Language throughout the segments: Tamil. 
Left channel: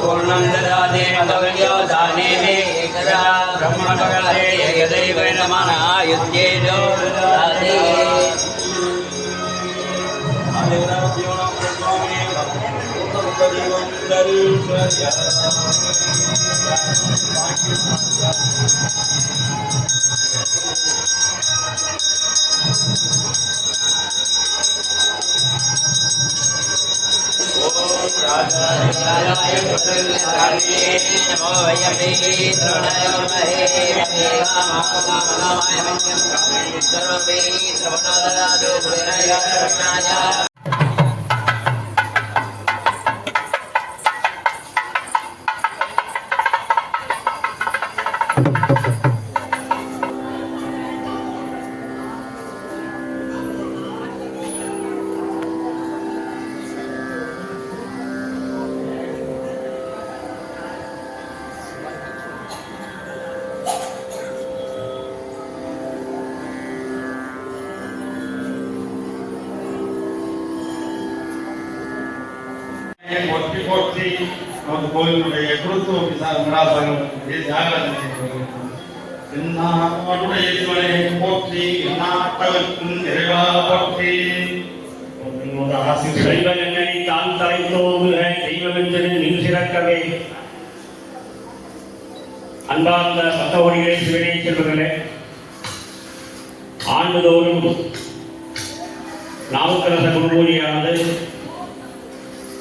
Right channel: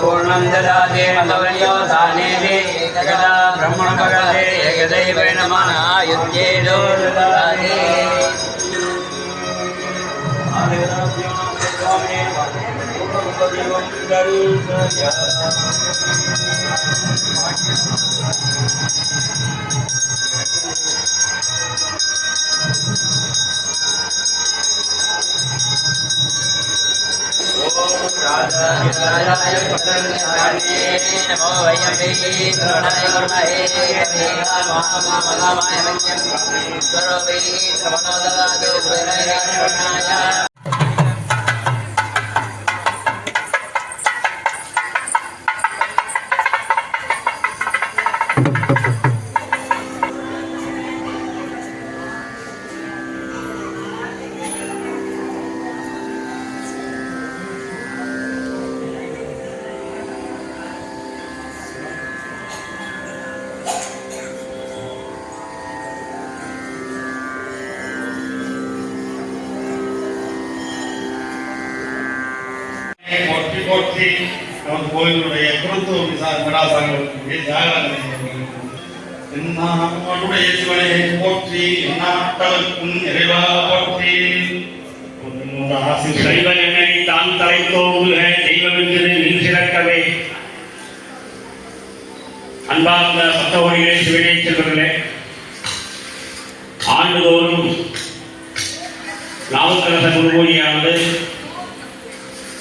पूर्णं ददाति मधुर्यो दाने मे एकदा ब्रह्मणगणे एकदैव नमः युज्येनो ददाति राजाय पुत्रन्याये नमो वैयमे श्रवणाय वर्महे कवेगा महाकामनामाय मह्यं सर्वे श्रवणोदगादो कुबेराय शरणाय போற்றி போற்றி நமது கோயிலுடைய குருத்துவ மடாசங்களுடைய ஜாகரனுடைய சிவனை போற்றி நாட்டவர்க்கும் நிறைவா போற்றி சைவன் என்னை தான் தலைத்தோங்குக தெய்வமென்று நின் சிறக்கவே. அன்பார்ந்த பக்தோடிகளே, சிவனை செல்வர்களே, ஆண்டுதோறும் நாவுக்கரச குருபூஜையானது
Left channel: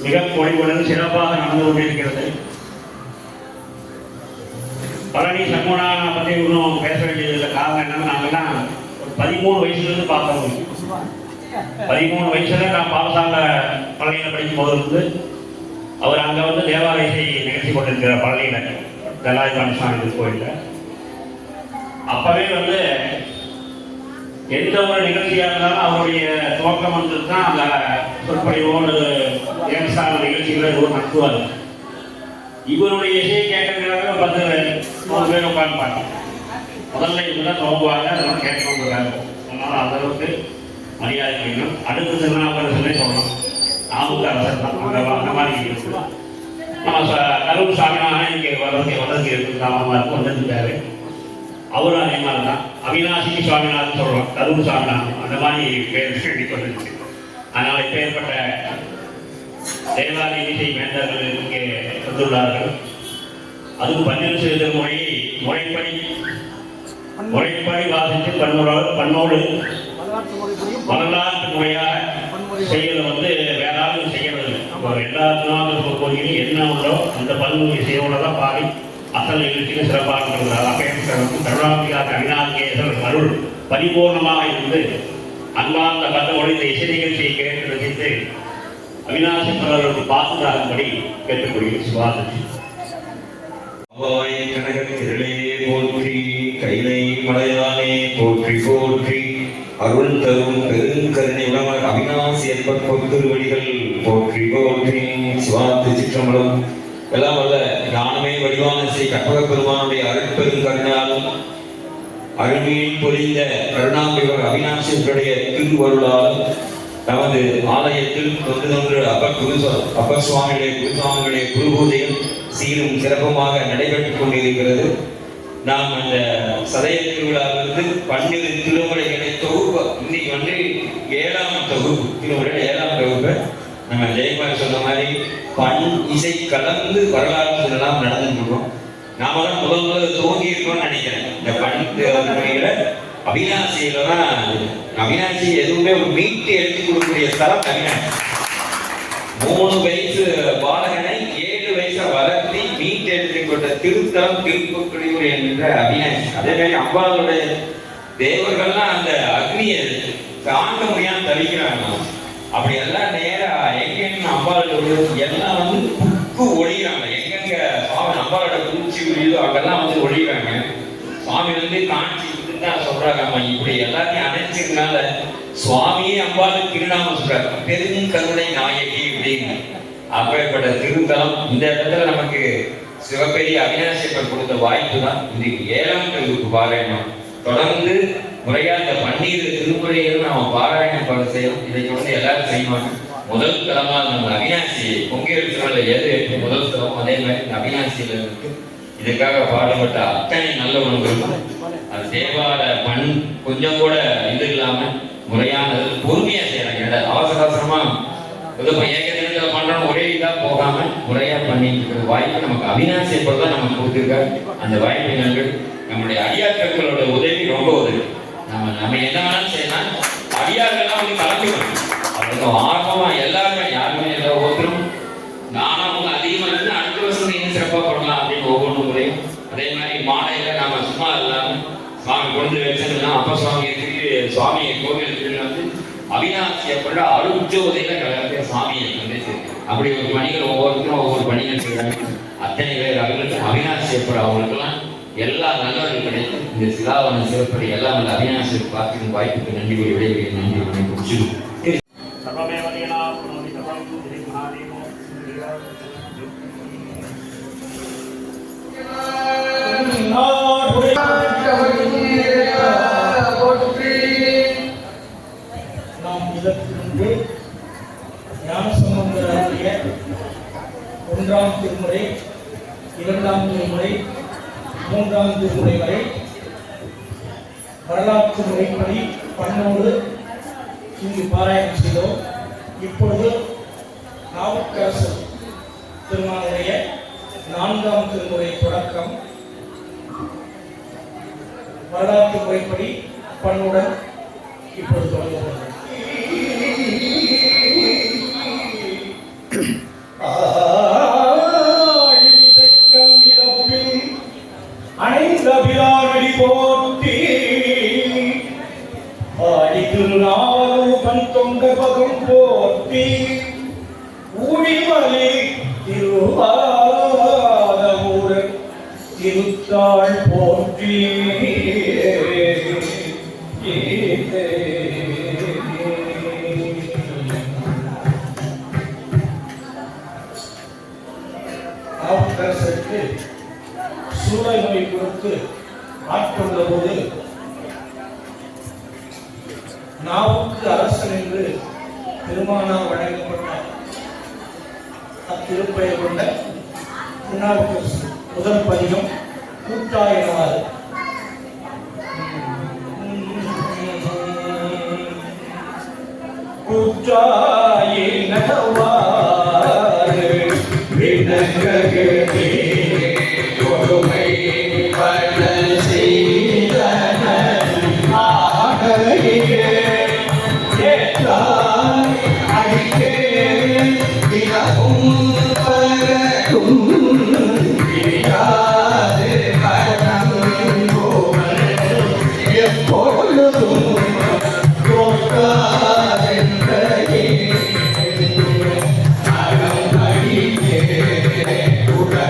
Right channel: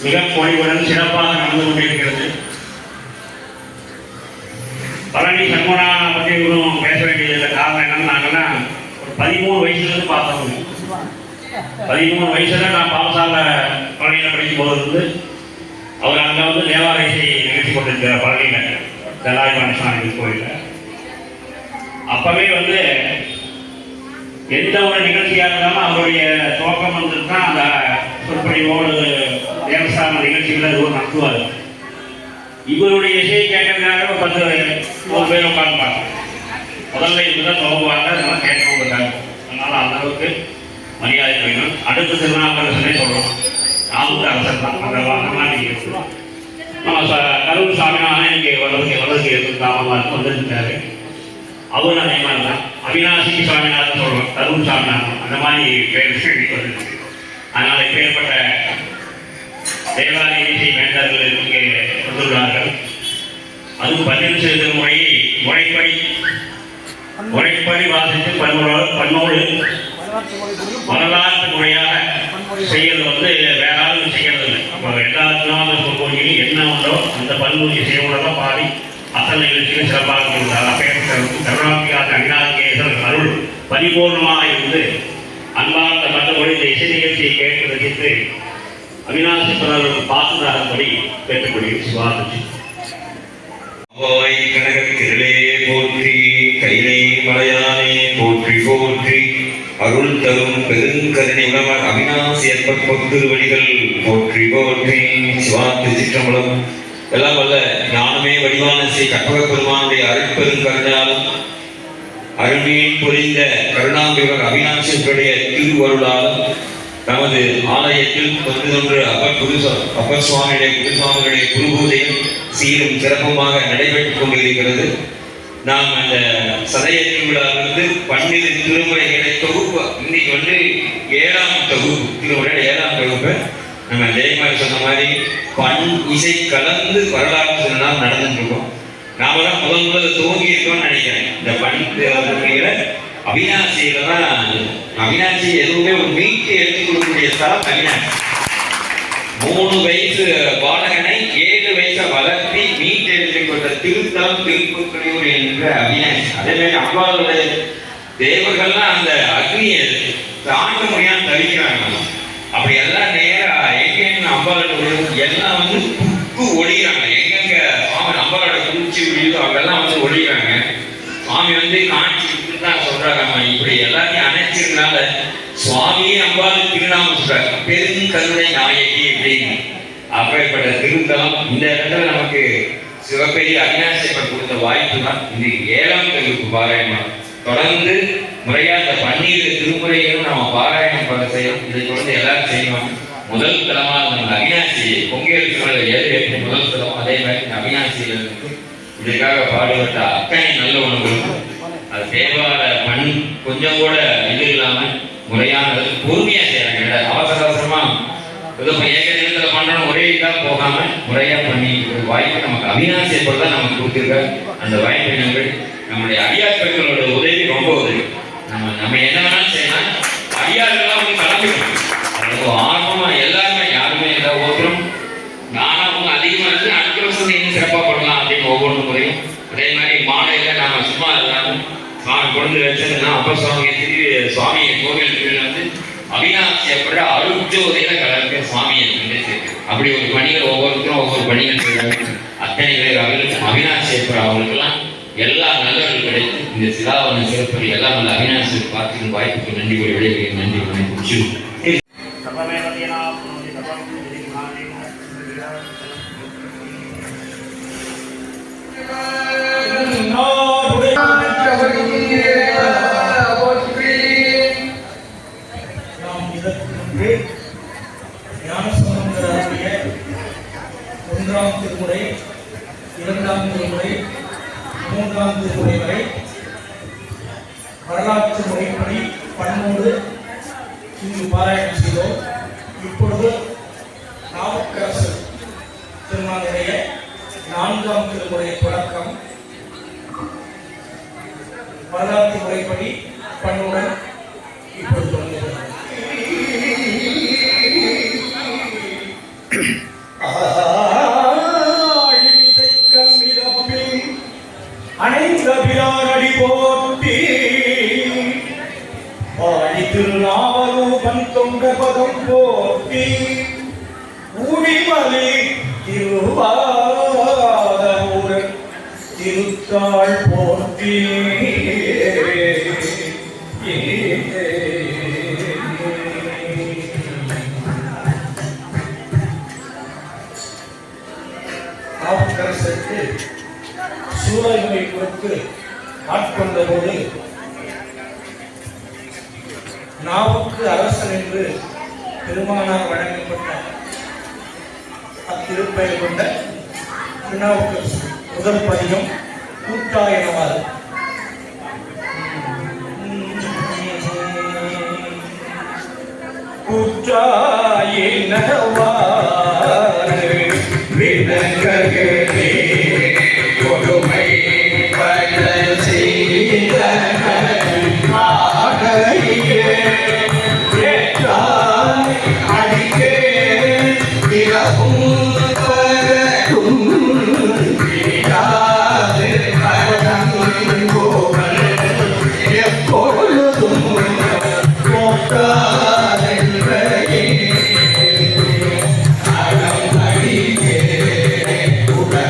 மிக பொழிவுடன் சிறப்பாக நடந்து கொண்டிருக்கிறது. பழனி சண்முகனாக பற்றி இன்னும் பேச வேண்டியது காரணம் என்னன்னு, நாங்கள்லாம் ஒரு 13 வயசுலேருந்து பார்த்தவங்க. 13 வயசுல நான் பாலசால பழனியில் படிக்கும் போது வந்து அவர் அங்கே வந்து தேவாலய இசை நிகழ்ச்சி கொண்டிருக்கிறார் பழனியில் தலாய் கணேசன் கோயிலில். அப்பவே வந்து எந்த ஒரு நிகழ்ச்சியாக இருந்தாலும் அவருடைய துவக்கம் வந்து தான் அந்த சொற்பொழிவோடு தேவஸ்தான நிகழ்ச்சிகளை எதுவும் நடத்துவார். இவருடைய இசையை கேட்கறதுக்காக 10 பேர் உட்காந்துப்பாங்க. முதல்ல இதுதான் துவங்குவாங்க, அதெல்லாம் கேட்கணுங்கிறாங்க. அதனால அந்த அளவுக்கு மரியாதை வேணும். அடுத்த திருநாவுக்கரசனே சொல்லணும், நாமூர் அரசர் தான் அந்த மாதிரி இருக்கு. நம்ம கரூர் சாமியாக இங்கே வளர்ச்சி இருக்கு வந்திருக்காரு. அவரும் அதே மாதிரி தான் அவினாசி சுவாமிநாதன் சொல்றோம், கரூர் சாமிநாதன் அந்த மாதிரி பேர் வந்துருக்கு. அதனால இப்பேற்பட்ட தேவாலய இசை வேண்டர்கள் இங்கே வந்துள்ளார்கள். அதுவும் 12 செய்த முறையை முறைப்படி வாசித்து பன்னோடு வரலாற்று முறையாக செய்யறது வந்து வேற ஆளும் செய்யறது இல்லை. அப்போ எல்லாத்துக்கும் கோயிலும் என்ன உண்டோ அந்த பன்மொழி செய்வதெல்லாம் பாடி அசல் நிகழ்ச்சிகள் சிறப்பாக கொடுக்கிறார். கருணாபிகாத அவிநாயகேஸ்வரர் அருள் பரிபூர்ணமாக இருந்து அன்பார்ந்த பந்தமொழி இந்த இசை நிகழ்ச்சியை கேட்டு ரசித்து அவிநாசேஸ்வரருக்கு பாசுராகும்படி கேட்டுக்கொள்கிறேன். சிவாஜி கனகத்திரளே போற்றி, கைலை மலையானே போற்றி போற்றி, அருள் தரும் பெருங்கருணை உணவர் அவிநாசி என்பர் பொத்திருவடிகள் போற்றி போற்றி. சிவாத்து சிற்றம்பலம் எல்லாம் வல்ல ஞானமே வடிவான ஸ்ரீ கற்பக பெருமானுடைய அருட்பெருங்கருணையாலும் அருள்மையில் பொழிந்த கருணாம்பிவர் அவிநாசேஸ்வருடைய திருவருளாலும் நமது ஆலயத்தில் தொன்று அப்பர் சுவாமியுடைய குருசுவாமிகளுடைய குருபூஜையும் சீரும் சிறப்புமாக நடைபெற்றுக் கொண்டிருக்கிறது. நாம் அந்த சதய திருவிழாவிலிருந்து 12 திருமுறைகளை தொகுப்பு இன்னைக்கு வந்து 7ஆம் தொகுப்பு திருமுறை 7ஆம் தொகுப்பு நம்ம ஜெயமாரி சொன்ன மாதிரி பண் இசை கலந்து வரலாற்று நாம் நடந்துட்டு இருக்கோம். நாம தான் முதல் துவங்கி இருக்கோம்னு நினைக்கிறேன். இந்த பண் அவிநாசியில தான் அவிநாசி எதுவுமே ஒரு மீட்டு எடுத்து கொடுக்கக்கூடிய ஸ்தலம் அவிநாசி. 3 வயசு பாலகனை 7 வயசை வளர்த்தி மீட்டு எடுத்து கொடுத்த திருத்தலம் திருப்புக்கழியூர் என்ற அவிநாசி. அதே மாதிரி அம்பாளுடைய தேவர்கள்லாம் அந்த அக்னியை தாண்ட முடியாம தவிக்கிறாங்க. அப்படி எல்லாம் நேரா எங்கெங்க அம்பாளோட எல்லாம் வந்து புக்கு ஒழிகிறாங்க. எங்கெங்க சுவாமி அம்பாளோட குளிர்ச்சி விழியுதோ அங்கெல்லாம் வந்து ஒழிகிறாங்க. சுவாமி வந்து காட்சி தான் சொல்றாங்க, நம்ம இப்படி எல்லாத்தையும் அணைச்சிருந்தால சுவாமியே அம்பாள் திருநாமம் சொல்றாங்க, பெருங்கருணை நாயகி அப்படின்னு. அப்படிப்பட்ட திருத்தலம் இந்த இடத்துல நமக்கு சிவபெரிய அவிநாசியப்பர் கொடுத்த வாய்ப்பு தான் இன்னைக்கு 7ஆம் கல்விக்கு பாராயணம். தொடர்ந்து முறையா இந்த 12 திருமுறைகளும் நம்ம பாராயணம் பண்ண செய்யணும். இதை தொடர்ந்து எல்லாரும் செய்வாங்க. முதல் தலமாக நம்ம அவிநாசி பொங்கல் திருவிழா ஏழு முதல் தலம், அதே மாதிரி இந்த அவிநாசியில் இருக்கு. இதற்காக பாடுபட்ட அத்தனை நல்ல உணவுகளும் அது தேவார மண் கொஞ்சம் கூட இது இல்லாம முறையானது பொறுமையா செய்யறாங்க. அவசர அவசரமா ஏதோ ஏக நேரத்தில் பண்றோம் ஒரே இதா போகாம முறையா பண்ணி வாய்ப்பு நமக்கு அவிநாசியப்பர் தான் நமக்கு கொடுத்துருக்காரு. அந்த வாய்ப்பை நம்முடைய அடியார் பெண்களோட உதவி ரொம்ப உதவி. நம்ம என்ன வேணாலும் செய்யலாம், அடியார்கள்லாம் வந்து கலந்துக்கணும். அவ்வளவு ஆர்வமா எல்லாருமே யாருமே இல்லை, ஒவ்வொருத்தரும் நானும் அதிகமாக இருக்கு, அடுத்த வருஷம் இன்னும் சிறப்பாக பண்ணலாம் அப்படின்னு ஒவ்வொரு முறையும். அதே மாதிரி மாலையில நாம சும்மா இல்லாமல் சுவாமி கொண்டு வச்சிருந்தோம். அப்ப சுவாமி சுவாமியை கோவில் திருவிழா வந்து அவிநாசியப்பட அருட்ஜோதியில கலக்க சுவாமியை கொண்டு சேர்க்கிறோம். அப்படி ஒரு பணிகள் ஒவ்வொருத்தரும் ஒவ்வொரு பணிகள் செய்வாங்க. அத்தனை பேர் அவர்களுக்கு அவிநாசியப்பட அவங்களுக்கெல்லாம் எல்லா நல்லவர்கள் கிடைத்து இந்த சிலாவன சிறப்படி எல்லாம் நல்ல அவிநாசியர் பார்த்து வாய்ப்புக்கு நன்றி கூறி விடைபெறுகிறேன். நன்றி வணக்கம். நாம் இதற்கு முன்பு ஞானசம்பந்தருடைய 1ஆம் திருமுறை, 2ஆம் திருமுறை, 3ஆம் திருமுறை வரை வரலாற்று முறைப்படி பண்ணோடு இங்கு பாராயணம் செய்தோம். இப்பொழுது நாவுக்கரசர் திருமாலுடைய 4ஆம் திருமுறை தொடக்கம் வரலாற்று முறைப்படி பண்ணுடன் இப்பொழுது தொடங்குகிறது. அனைந்தபிரானடி போற்றி ஆடி திருநாவலூபன் தொண்ட பதம் போற்றி ஊடிமலை திருவாரூரன் திருத்தாள் போற்றி நாவுக்கரசருக்கு சூழலை கொடுத்து ஆட்கொண்ட போது நாவுக்கு அரசன் என்று திருமாலால் வழங்கப்பட்ட அத்திருப்பெயர் கொண்ட திருநாவுக்கரசு முதல் பதிகம் கூத்தாயனவாறு. கூத்தாயனவாறு விண்ணகரே கொடுமை கடல் செய்தன ஆகையே ஏற்றாய் அடிக்கே விலகும் பரகும் விடாது பரகும் போல் எப்பொழுதும் தோற்காதென்றே அறம் அடிக்கே உடல்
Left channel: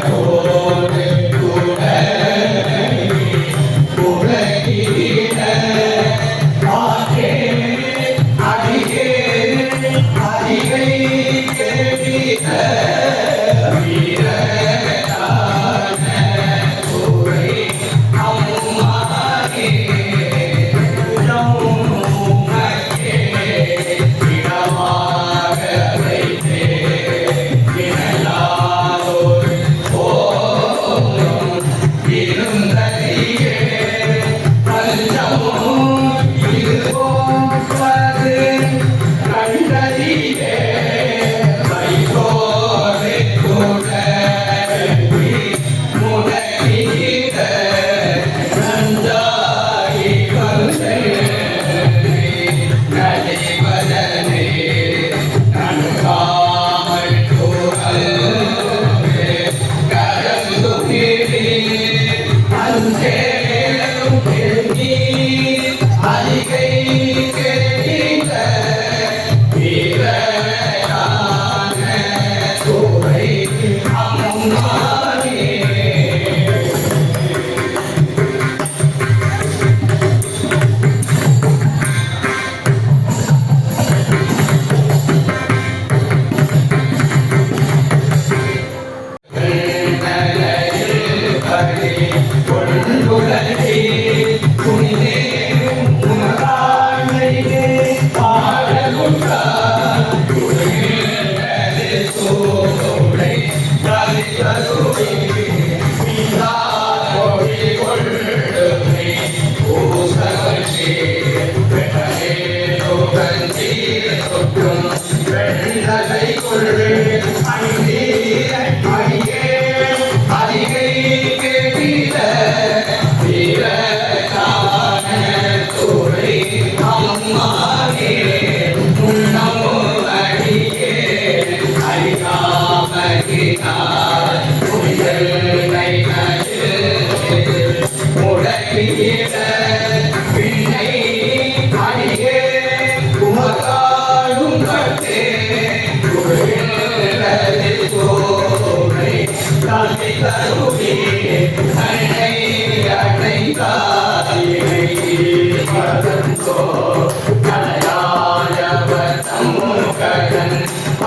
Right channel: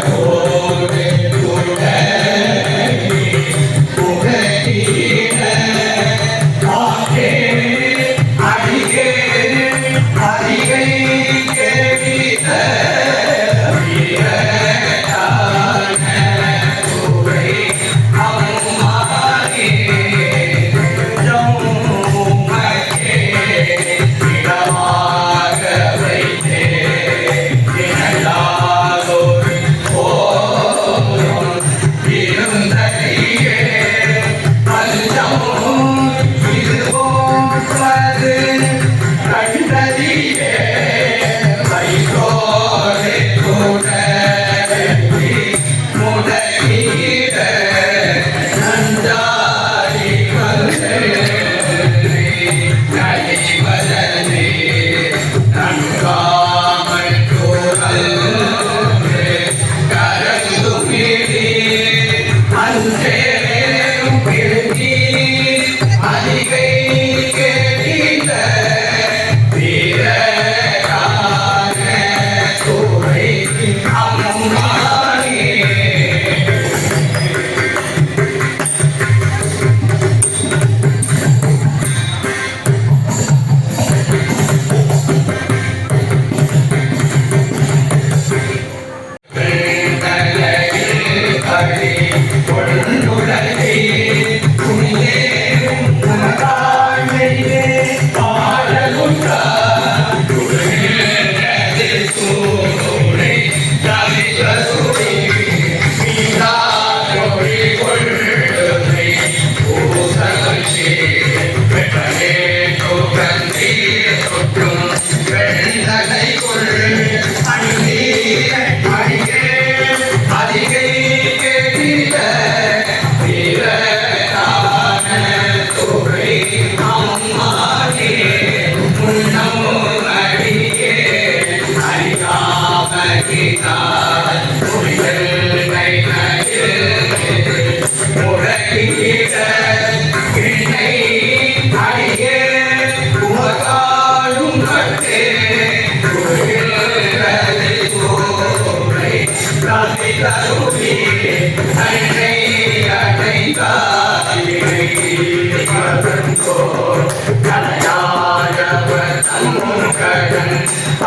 வந்தோ கலையாழவ சங்கடன்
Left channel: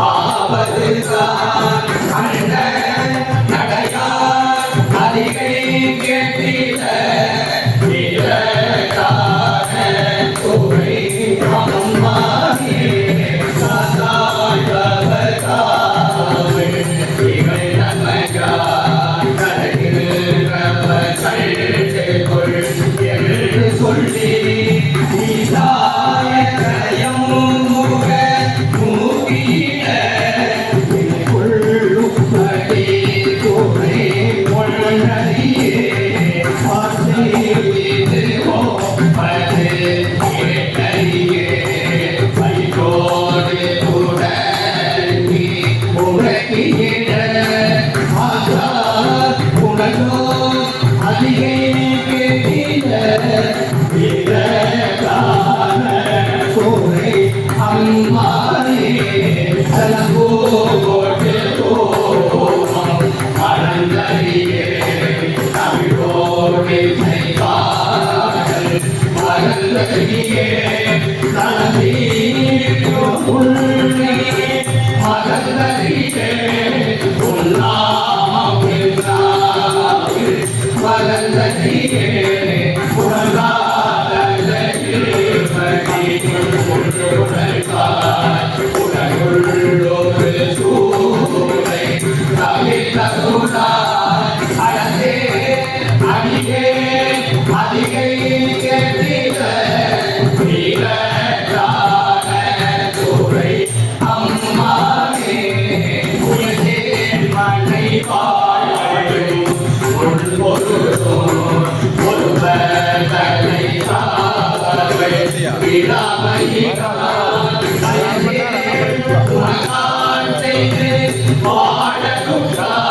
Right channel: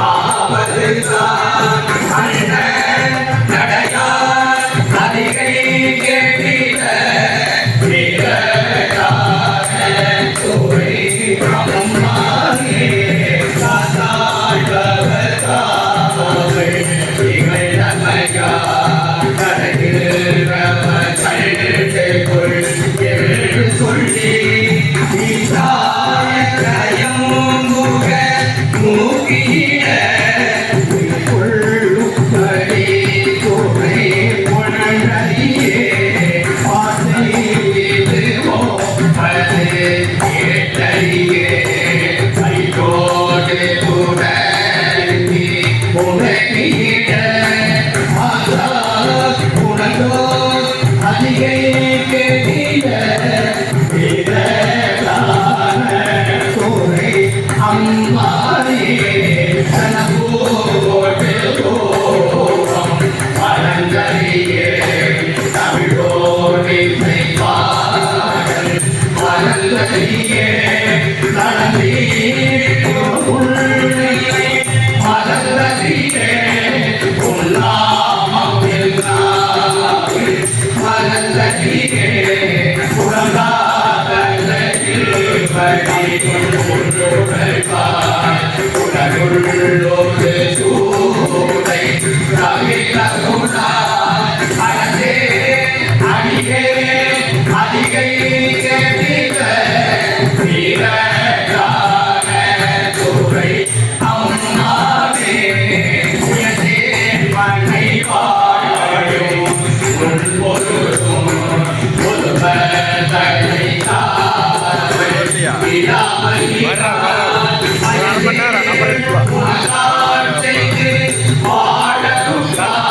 ஆவதுதான் அண்ணன் நடையார் அதிகை கேட்டிட வீரரான துறை அம்மானே சாத்தாள் பவதாவை இவள் நமையா கரையில் கழிவுக்குள் என்று சொல்லி ஈசாயம் முக மூகிட உள்ளுப்படி துறை பொன்னடியே ஆசை வீதுவோ பது கேட்டறியே கைகோடு உடனே உலகிட மாதா உனதோ அதிகை கேட்டிட வீரகான துறை அம்மானே தனபோடு கோபம் மறந்தறியே தமிழோடு பாடல் மறந்தறியே நலமீட்டோ உள்ளே மறந்தறியே உன்னாமில் நாவில் மறந்தறியே உடலுள்ளோடு சூரை கவிதருணா அழகே அடிகே அதிகை கேட்டிட வீரரான துறை அம்மானே உயர்ந்தே மண்ணை வாழும் உள்பொருளும் ஒருவர் தலை காவல் விடாமல் செய்து வாழவும் அதிகை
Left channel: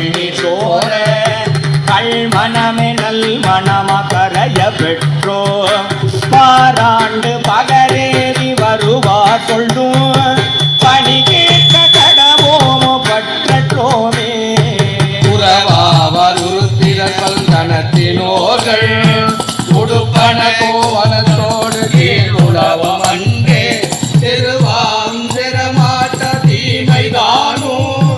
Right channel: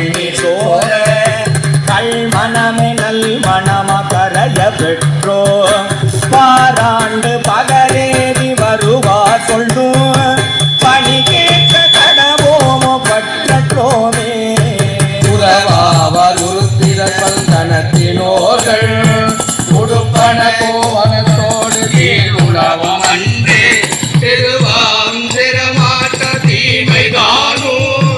கண்ணி சோர கல்மணமே நல் மணமகரைய பெற்றோ பாராண்டு பகரேறி வருவார் சொல்லும் பணி கேட்க கடவோமோ பற்றோமே உறவாவர் உருத்திர சந்தனத்தினோர்கள் உடுப்பன கோவனத்தோடு கீழுலவம் அன்றே திருவாந்திரமாட்ட தீமை காணும்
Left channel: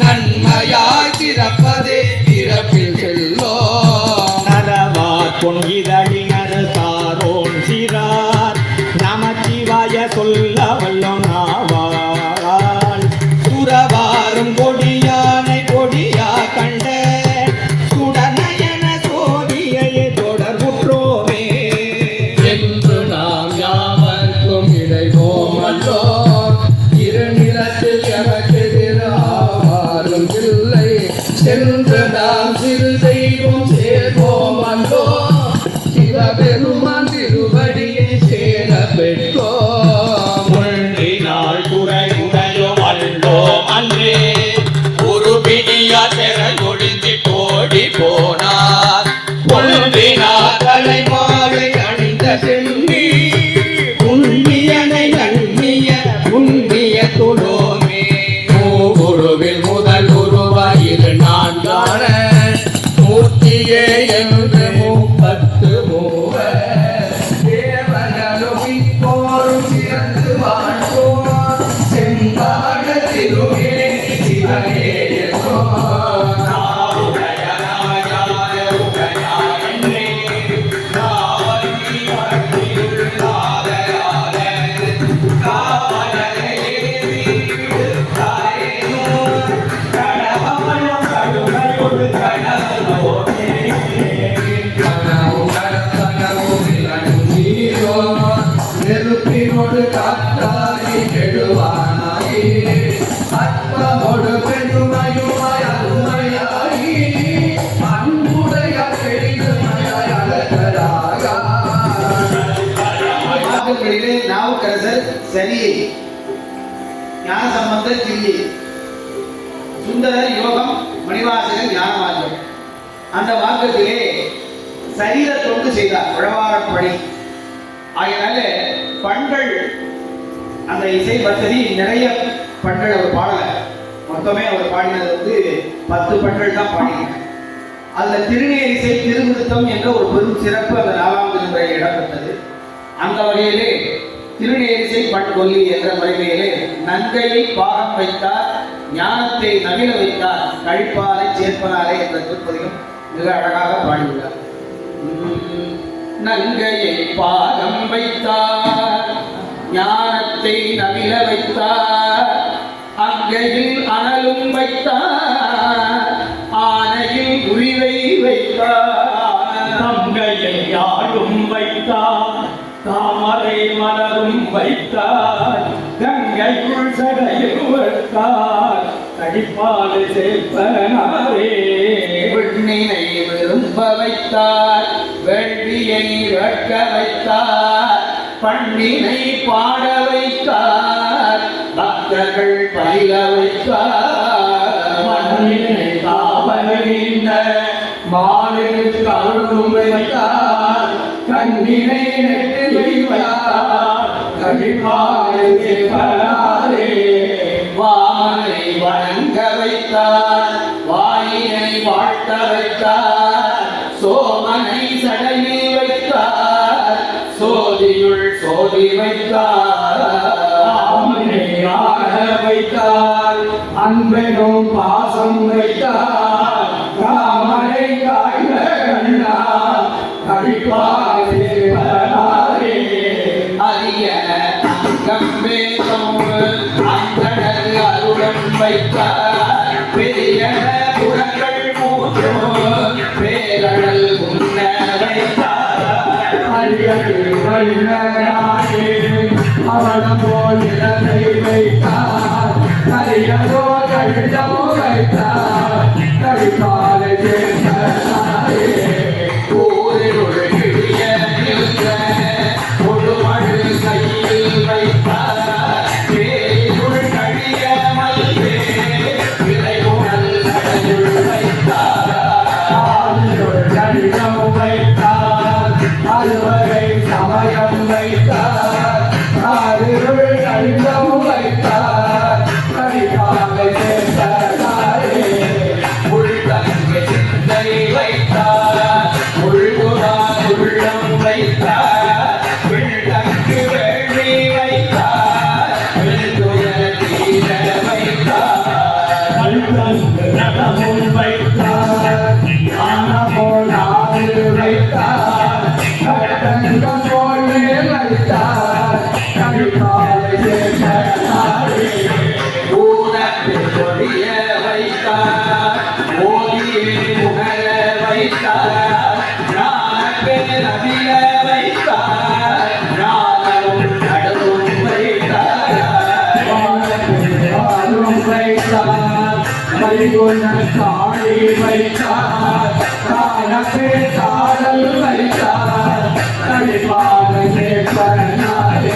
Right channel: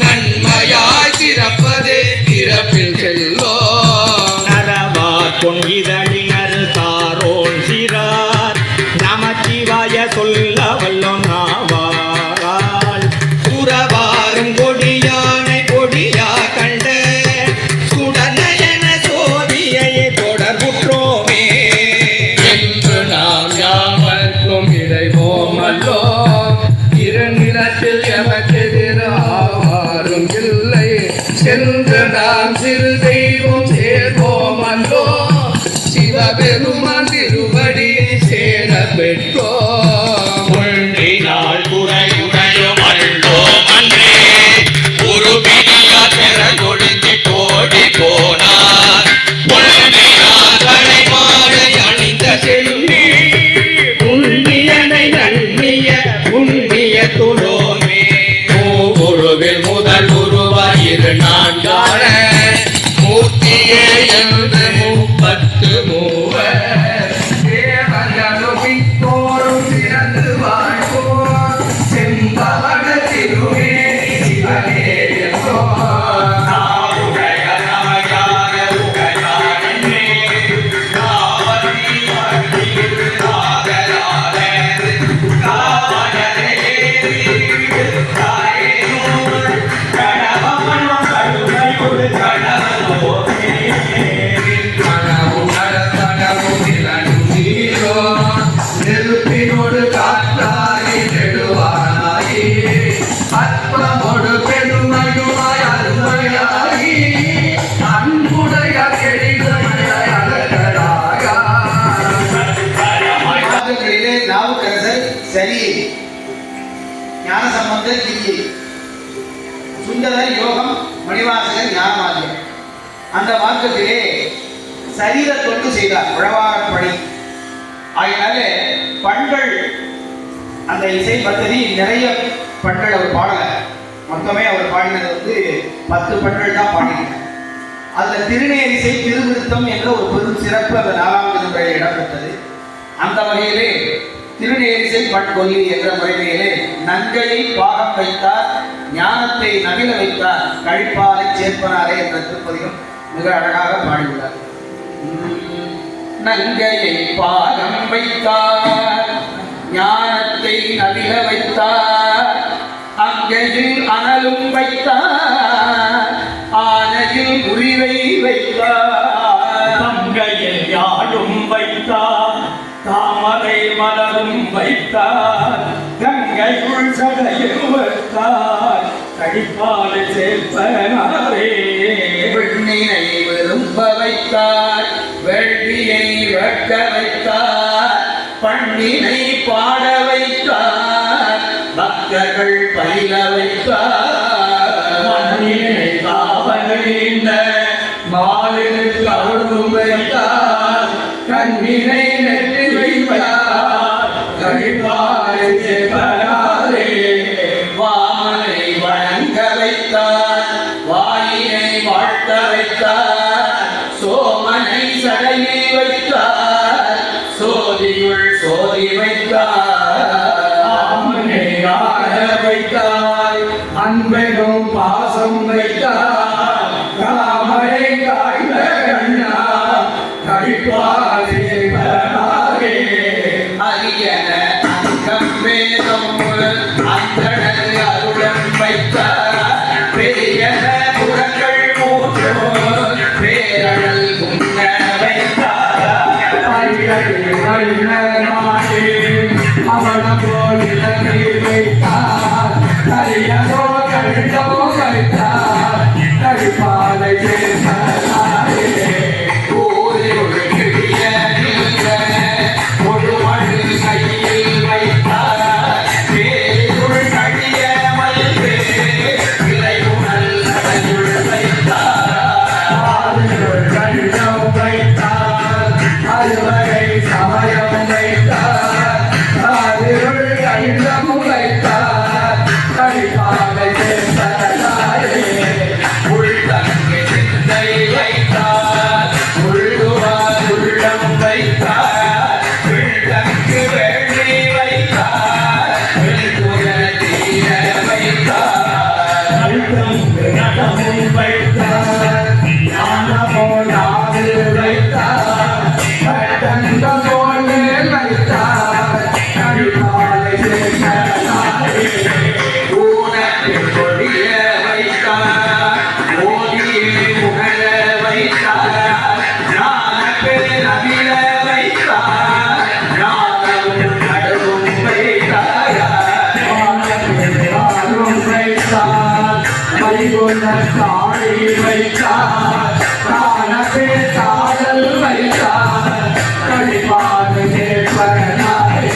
நன்மையாய் சிறப்பதே பிறப்பில் செல்லோ நரவார் பொன்னிதழினர் தாரோன் சிறார் நமச்சிவாய சொல்ல வல்லோம் நாவால் உறவாரும் கொடியானை கொடியா கண்ட சுடனயன சோதியை தொடர்புற்றோமே என்று நாம் யாவர்க்கும் இறைவோமல்லோ இருநிலத்தில் எமக்கெதிராரும் இல்லை சென்று நாம் சிறு தெய்வம் சேர்வோமல்லோ சிவபெருமான் திருவடியை சேர பெற்றோம் முன்றினால் துறையுடையும் அள்ளோம் அன்றே உருபினியா தெர கொழுந்தி கோடி போனார் பொழுதினார் தலைமாலை அணிந்த செல்வி புண்ணியனை நன்னிய புண்ணிய துளோமே மூகுருவில் முதல் உருவாயிரு நான்கான மூர்த்தியே என்று 33 தேவர்களும் சிறந்து வாழ்வோம் செம்பாட திருவே சிவனே நாருடைய நாயாக உடையானே நாவதி அடியில் நாகராக காவலரே தாயேனோ கடவனோ கடுமையுடு கடலோனே நெருப்பினோடு காத்தாரி நெடுவானாயி அற்பமோடு பெருமையுமாய் அருமையாகி அன்புடைய கெடிமையாய் அழகராக வாக்குகளிலே நாவுக்கரசர் சரியை, ஞானசம்பந்தர் கிரியை, சுந்தரர் யோகம், மணிவாசகர் ஞானமார்க்கம். அந்த மார்க்கத்திலே சரீர தொண்டு செய்தார், உழவாரப்பணி. ஆகையினால பண்கள் அந்த இசை பத்ததி நிறைய பண்கள் அவர் பாடல. மொத்தமே அவர் பாடினது 10 பண்கள் தான் பாடினார். அதுல திருநேரிசை திருவிருத்தம் என்ற ஒரு பெரும் சிறப்பு அந்த 4வது முறையில் இடம்பெற்றது. அந்த வகையிலே திருநேரிசை பண்கொல்லி என்ற முறைமையிலே நங்கையை பாகம் வைத்தார், ஞானத்தை நவில வைத்தார், கழிப்பாலை சேர்ப்பனாரே என்ற திருப்பதிகம் மிக அழகாக பாடியுள்ளார். நங்கையை பாகம் வைத்தார், ஞானத்தை நவில வைத்தார், அங்கையில் அனலும் வைத்தார், ஆனையில் உரிவை வைத்தார், தங்கையை யாழும் வைத்தார், தாமரை மலரும் வைத்தார், கங்கைக்குள் சடையில் வைத்தார், கழிப்பாலை சேர்ப்பனாரே விண்ணினை விரும்ப வைத்தார், வேள்வியை வேட்க வைத்தார், பண்ணினை பாட வைத்தார், பக்தர்கள் பயில வைத்தார், மண்ணினை காவலிந்த மாலினுக்கு அருளும் வைத்தார், கண்ணினை நெற்றில் வைத்தார், கழிப்பாலை சேர்ப்பனாரே வாமனை வணங்க வைத்தார், வாயினை வாழ்த்த வைத்தார், சோமனை சடையில் வைத்தார், சோதியுள் சோதி வைத்தார், ஆமனை ஆக வைத்தார், அன்பெனும் பாசம் வைத்தார், காமரை காய்ந்த கண்ணா கழிப்பாலை சேர்ப்பனாரே அரியன அங்கம் வேதம் அந்தணர் அருளம் வைத்தார், பெரியன புறங்கள் மூன்றோ பேரழல் உண்ண வைத்தார், அரியடி வண்ணனாகே அவனம் போல் இலங்கை வைத்தார், கரியதோ கண்டோ வைத்தார், கழிப்பாலை சேர்ப்பனாரே ஊரில் கிழிய நின்ற முழுமழு கையில் வைத்தார், பேருள் கழிய மல்பே விரைவுணல் நடையுள் தாழி வைத்தார் காலத்தே காதல் வைத்தார் கடிப்பாக கேட்பனாரே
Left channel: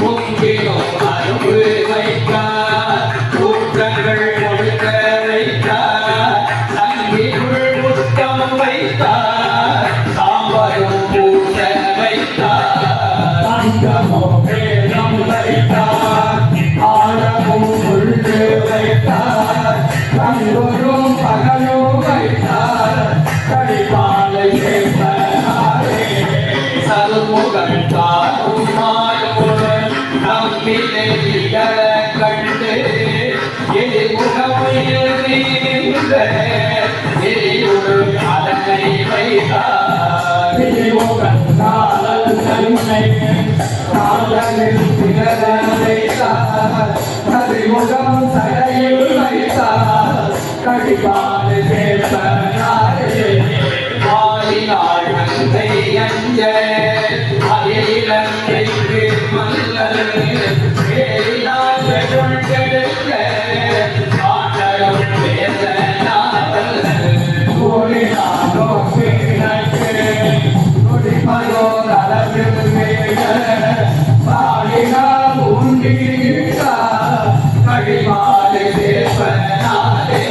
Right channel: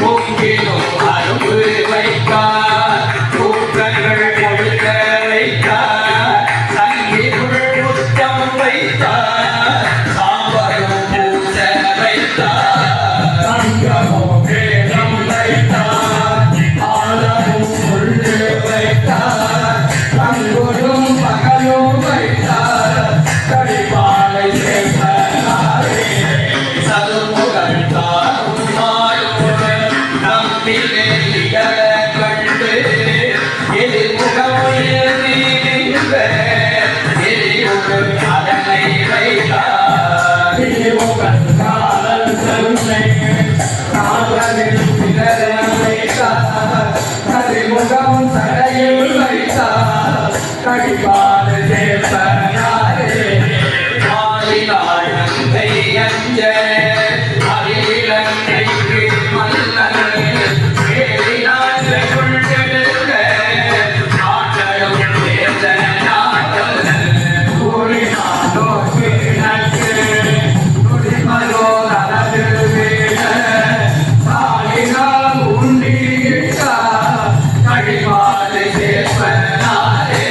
பொங்கிலும் அரும்பு வைத்தார் கூட்டங்கள் கொடுக்க வைத்தார் சங்கிக்குள் புத்தம் வைத்தார் சாம்பரும் பூச வைத்தார் தங்கமோ வேதம் வைத்தார் ஆழமும் உள்ளே வைத்தார் கண்கொடும் பகலும் வைத்தார் கடிப்பாலை கேட்பனாரே சதுமுகம் தாரும் மாயோடு நம்பினை இகழ கண்டு எதிர்முகம் எழுதின்ற எதிரொரு அதனை வைத்தார் கடிமுகம் சடையில் வைத்தார் கடிப்பாடு சேர்த்தாரே மாலினாள் நங்கை அஞ்ச அகிலங்கைக்கு மன்னர் வேலினாள் கொண்டெடுக்க நாட்டகம் வேத நாட்டல் கூறினாரோ கிழக்கு குடிமரோ நலதிருவேக சாலினால் உண்டியிட்டா கடிமாலை சேர்ப்பனாரே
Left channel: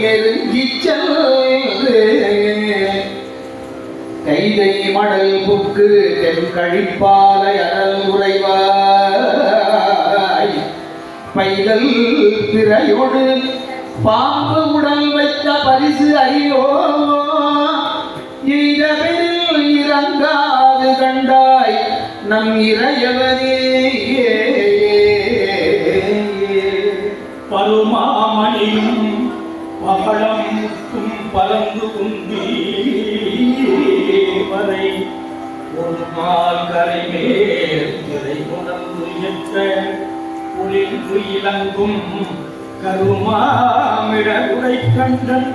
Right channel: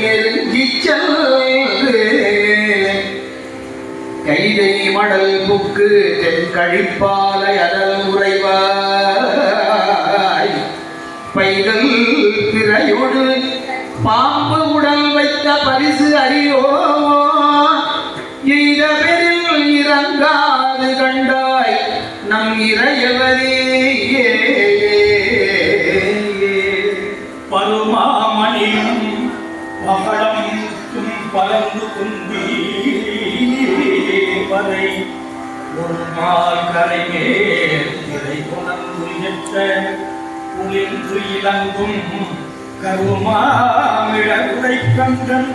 நெருங்கிச் சென்று கைதை மடல் புக்கு தென் கழிப்பாலை அடல் உறைவாய் பைகள் பிறையோடு பாம்பு உடல் வைத்த பரிசு அறியோ எய்தவரில் இறங்காது கண்டாய் நம் இறையவரே பருமாமணியும் மகளம் பலந்து குந்தி வரை ஒரு நாள் கரைமேல் திரை உணர்ந்து எட்ட குளிர்ந்து இலங்கும் கருமாமிழகுடை கண்டன்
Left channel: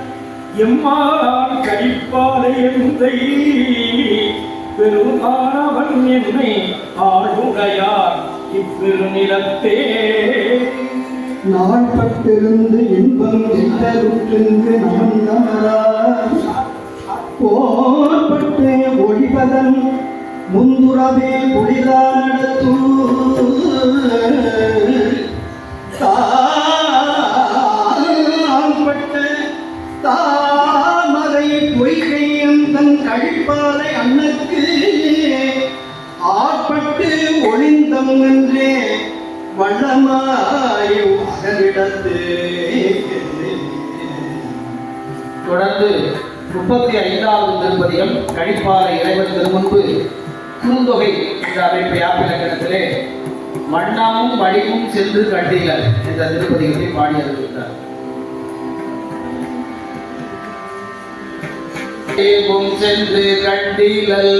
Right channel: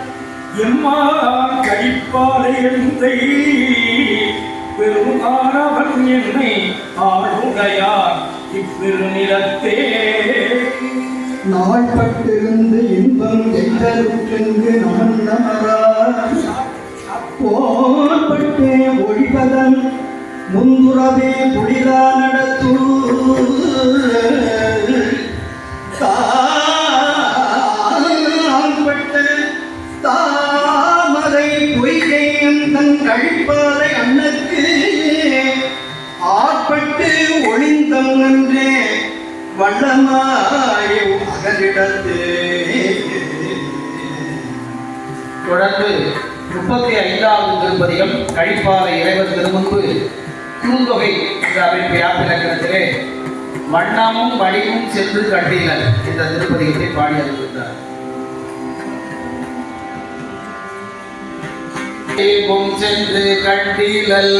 எம்மான் கழிப்பாலை எந்தை பெருமானவன் என்னை ஆளுடையார் இப்பெருநிலத்தே நாள்பட்டிருந்து இன்பம் எந்தருக்கென்று நான் நமரார் போர்பட்டு ஒழிவதன் முந்துறவே புடிதா நடத்தூ கால்பட்ட தாமரை பொய்கையும் தன் கழிப்பாறை அன்னக்கு ஆட்பட்டு ஒளிந்தம் என்றே வண்ணமாய் அகலிடத்து தொடர்ந்து 35வது திருப்பதிகம் கழிப்பாறை இறைவன் திருமுன்பு குறுந்தொகை என்ற அமைப்பு யாப்பிலக்கணத்திலே மண்ணாமும் வடிவும் சென்று கண்டீலர் என்ற திருப்பதிகத்தை பாடி அறிவித்தார். சென்று கண்டீலல்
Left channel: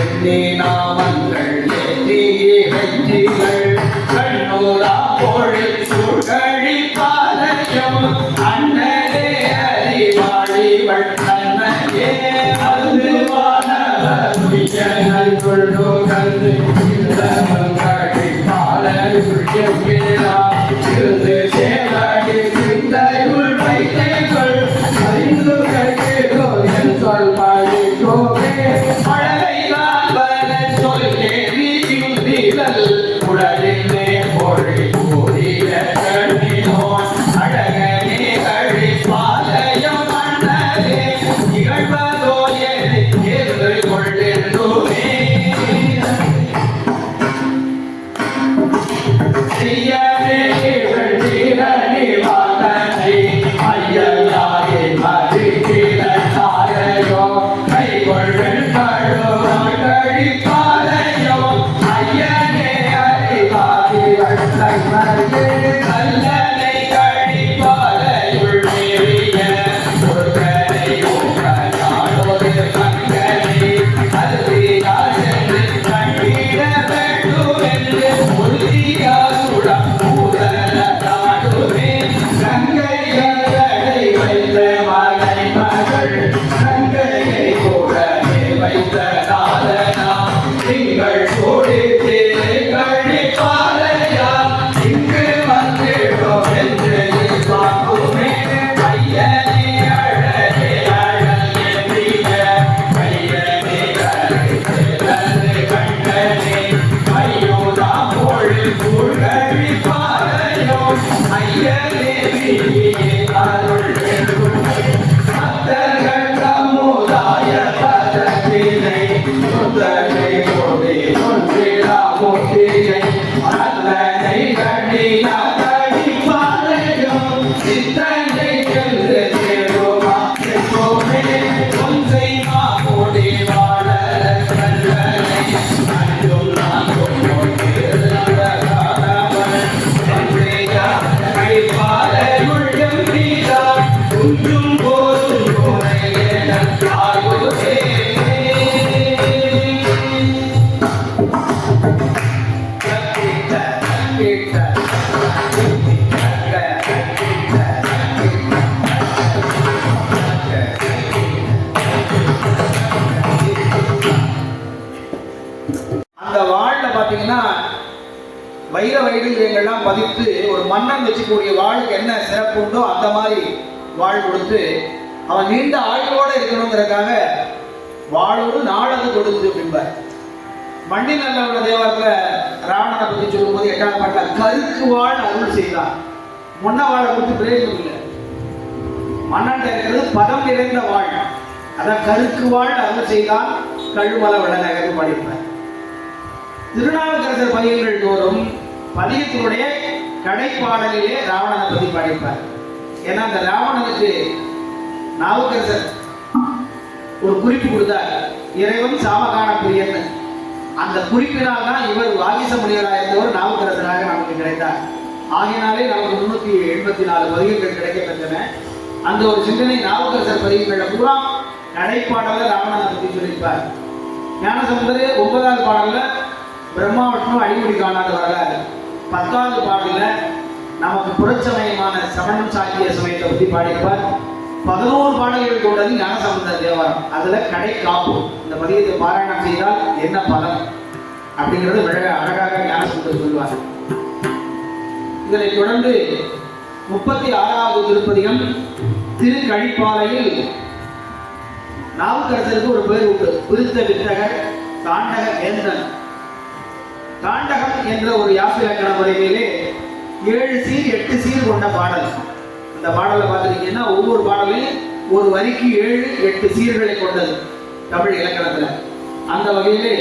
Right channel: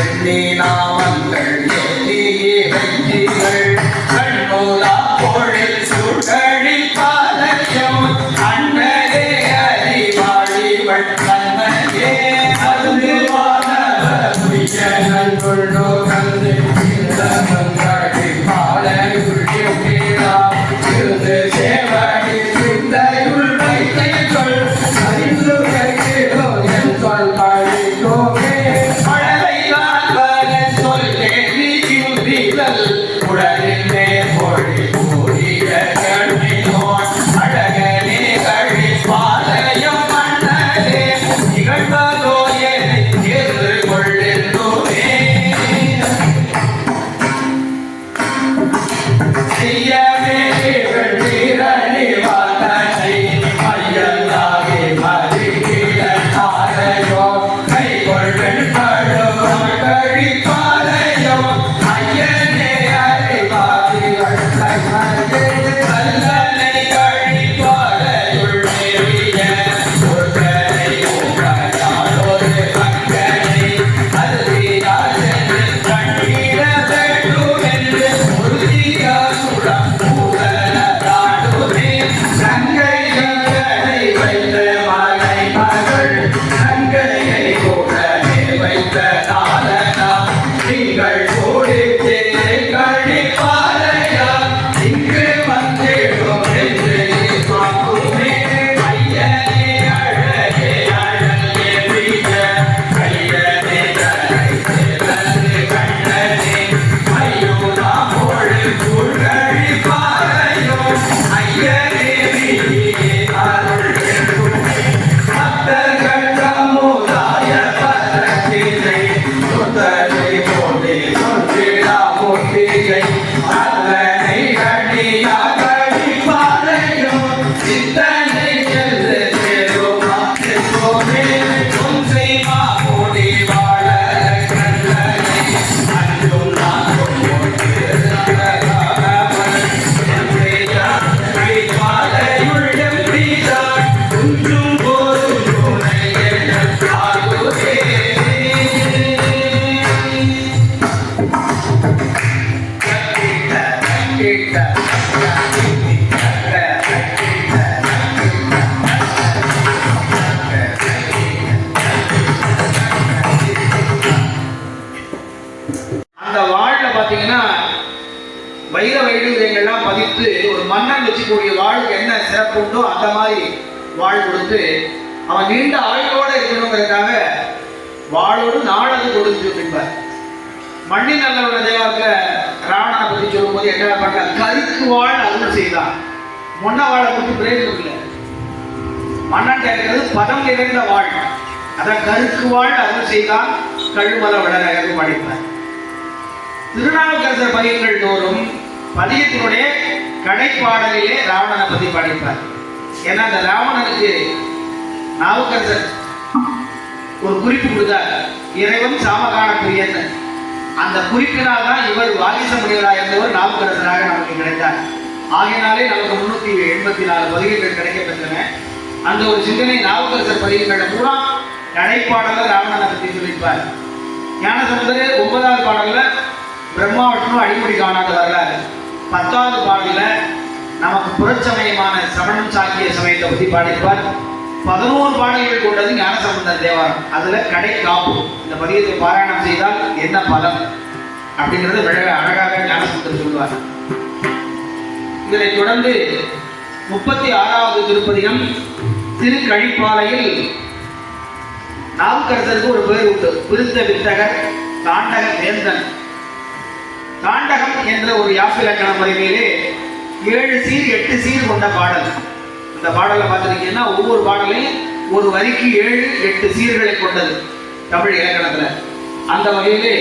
எண்ணி நாமங்கள் எண்ணியே வெஞ்சிகள் கண்ணோலா பொழில் சூழ்கழி பாலயம் அண்ணலே அறிவாழிவள் தன்னையே அதுவானவர் துயர்கள் கொள்ளோ கல்வி இளம் கழகை பாலையுள்ளா இருந்து சேவடி சிந்தையுள் வைத்தைகள் அறிந்து கருகிறோ என் சொல் பாடிக்கோவே மழலைதான் வர சொல் கேள்வி கிந்திலல் உடலிலே பொழி கூறிய கண்ணினோன் அழகனே கழி பாலயம் அண்ணலே நிகழ்வதோ என்னை ஏற்று கொள்ளென்றுமே செய்ய பதித்து ஒரு மன்னன் வச்சுக்கூடிய வாளுக்கு என்ன சிறப்பு உண்டோ அந்த மாதிரி வாழ் கொடுத்து அவன் நீண்ட ஆயுளோட இருக்கணுங்கிறதுக்காக வாளோடு நாளது கொடுத்து பின்பார். மண்ணின் நல்ல உள்ள தேவாரத்துல ராவணனை பத்தி சொல்லும்போது 8வது பாட்டுல கருக்கு வாழ் அருள் செய்தான். மொன்ன வாழை கொடுத்து பிரயோஜனம் இல்லை. மன்னன் இருக்கிறது பதம் நிறைந்த வாழ். அதான் கருக்கு வாழ் அருள் செய்தான் கழுமல விடநகர் படிப்பார். திருநாவுக்கரசர் பதிகங்கள் தோறும் பதிகத்தினுடைய கடைப்பாடலிலே ராவணனை பத்தி படிப்பார். ஏன்னா அந்த ராவணனுக்கு நாவுக்கரசர் ஒரு குறிப்பு கொடுத்தார், இறைவன் சாமகான பிரியன். அந்த குறிப்பினால் தான் இவர் வாகிச முனிவராக இருந்தவர் நாவுக்கரசராக நமக்கு கிடைத்தார். ஆகையினாலே நமக்கு 384 பதிகங்கள் கிடைக்கப்பெற்றன. அந்த ஒரு சிந்தனை நாவுக்கரசர் பதிகங்களை பூரா கடைப்பாடல ராவணனை பற்றி சொல்லிப்பார். ஞானசம்பந்தர் 9வது பாடல்ல பிரம்மா விஷ்ணு அடிமுடி காணாத வர்றாரு. 10வது பாடல்ல நமக்கு புறச்சமயமான சமணம் சாக்கிய சமயத்தை பற்றி பாடிப்பார். 11 பாடல்கள் கொண்டது ஞானசம்பந்தர் தேவாரம். அதுல கடை காப்பு, இந்த பதிகத்தை பாராயணம் செய்தால் என்ன பலன் அப்படிங்கிறது அழகாக ஞானசம்பந்தர் சொல்லுவார். இதனை தொடர்ந்து 36வது திருப்பதிகம் திருக்கழிப்பாலையில் நாவுக்கரசருக்கு ஒரு பேர் உண்டு, விருத்த வித்தகர் தாண்டக வேந்தன். தாண்டகம் என்ற ஒரு யாப்பிலக்கண முறையிலே 7 சீர் 8 சீர் கொண்ட பாடல். அந்த பாடலை பார்த்துருக்கீங்கன்னா ஒவ்வொரு பாடலையும் ஒரு வரிக்கு 7 8 சீர்களை கொண்டது தமிழ் இலக்கணத்துல. அந்த வகையிலே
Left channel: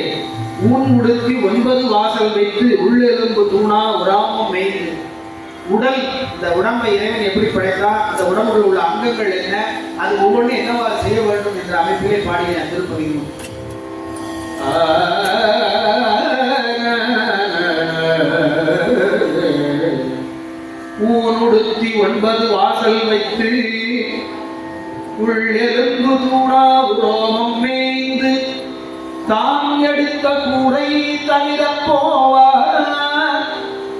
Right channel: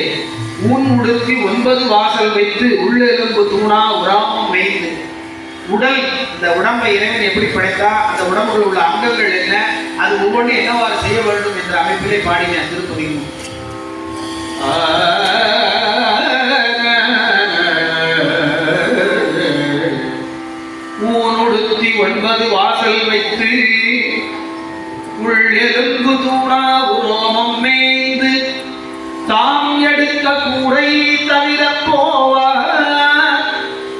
ஊன் உடுத்தி 9 வாசல் வைத்து உள்ளெலும்பு தூணா உராமம் வைத்து, உடல் இந்த உடம்பை இறைவன் எப்படி படைத்தா, அந்த உடம்புல உள்ள அங்கங்கள் என்ன, அது ஒவ்வொன்றும் என்னவாறு செய்ய வேண்டும் என்ற அமைப்பிலே பாடின திருப்பதிகம். ஊனுடுத்தி 9 வாசல் வைத்து உள்ளெலும்பு தூணா உரோமம் மேய்ந்து தாம் எடுத்த கூடை தவிர போவார்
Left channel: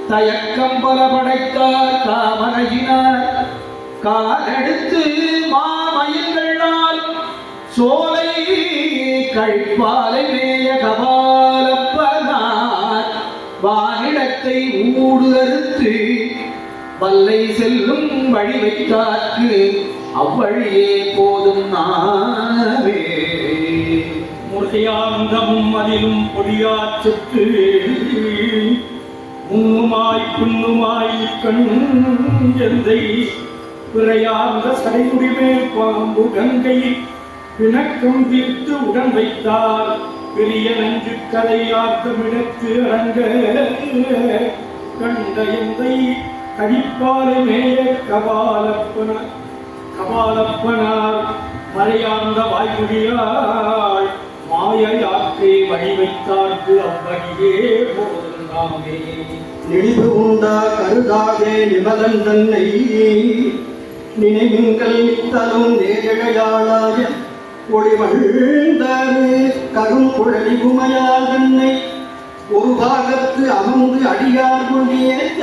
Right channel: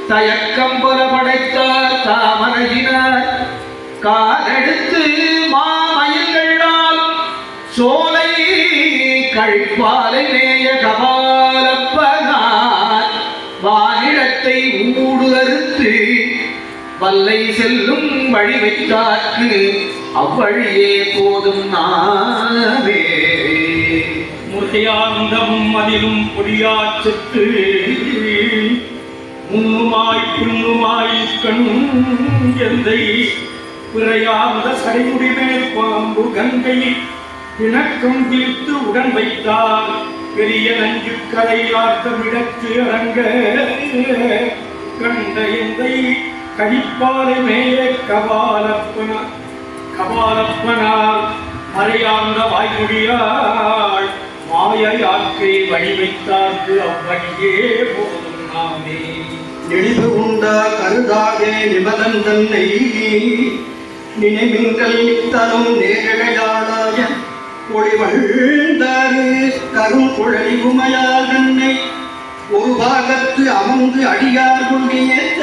தயக்கம் பல படைத்தார் தாமரையினார் காலெடுத்து மாமயில்களாலும் சோலை கழிப்பாலை மேய கபாலப்பனார் வானிடத்தை ஊடு அறுத்து வல்லை செல்லும் வழி வைத்தார்க்கு அவ்வழியே போதும் நாவே. முத்தையாந்தமும் அதிலும் பொடியாச்சுக்கு மூமாய் புண்ணுமாய் கண்ணும் எந்தை பிறையார்ந்த சடைமுடி மேல் பாம்பு கங்கை பிணக்கம் தீர்த்து உடன் வைத்தார் பெரிய நஞ்சு கரையார்த்தமிடத்து அரங்க கண்ட எந்தை கழிப்பாலை மேலே கபாலப்பனார் மறையார்ந்த வாய்மொழியாள் மாய யாக்கை வழி வைத்தார்க்கு அவ்வழியே போதும் நாமே. நெளிவு உண்டா கருதாதே நிபதன் தன்னை நினைவிங்கள் நித்தனும் நேரழையாளாய ஒளிவழ்ந்தாறு கரும் குழலி உமையால் தன்னை ஒரு பாகத்து அமர்ந்து அடியார் கொண்டியேத்த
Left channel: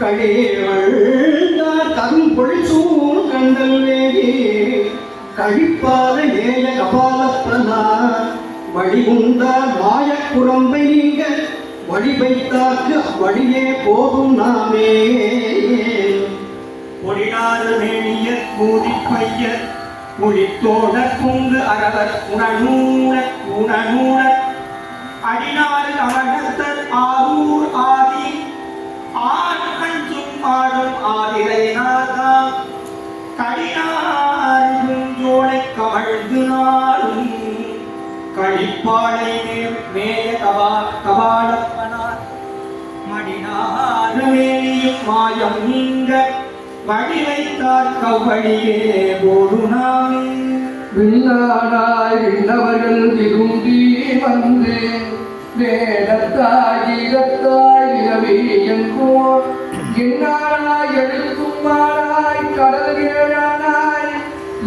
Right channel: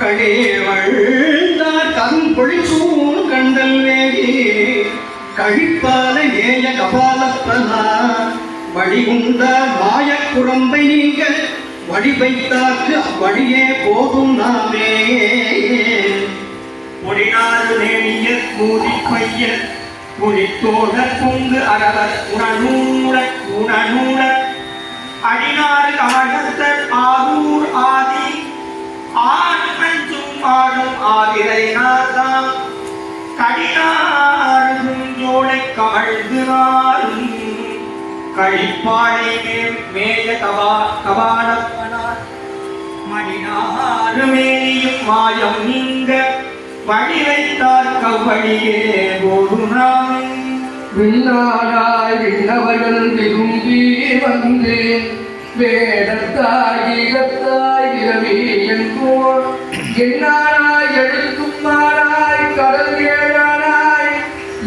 கழிவழ்ந்தார் கரும் பொழிசூழ் கண்டல் வேகி கழிப்பாலை நேய கபாலப்பனா வழி உண்டார் மாயக் குரம்பை நீங்க வழி வைத்தார்க்கு அவ்வழியே போதும் நாமே. ஒடினாறு நேரிய கூறி பைய புலித்தோட பொங்கு அரவர் உணநூட அடினாறு ஆடத்த ஆரூர் ஆதி ஆண் அஞ்சும் ஆடும் ஆதிரைநாதாம் கடினாரும் ஜோடை கமழ்ந்து நாளும் கழிப்பாளை மேய கபாலப்பனார் மடினாறு மேலியும் மாயம் நீங்க வழி வைத்தார் கவ்வழியே போதுனாமே. விண்ணானாய் விண்ணவர்கள் விரும்பி வந்து வேடத்தாய் ஈகத்தாய் இரவி என்போர் என்னானாய் எழுத்தும் மானாய் கடல் ஏழானாய்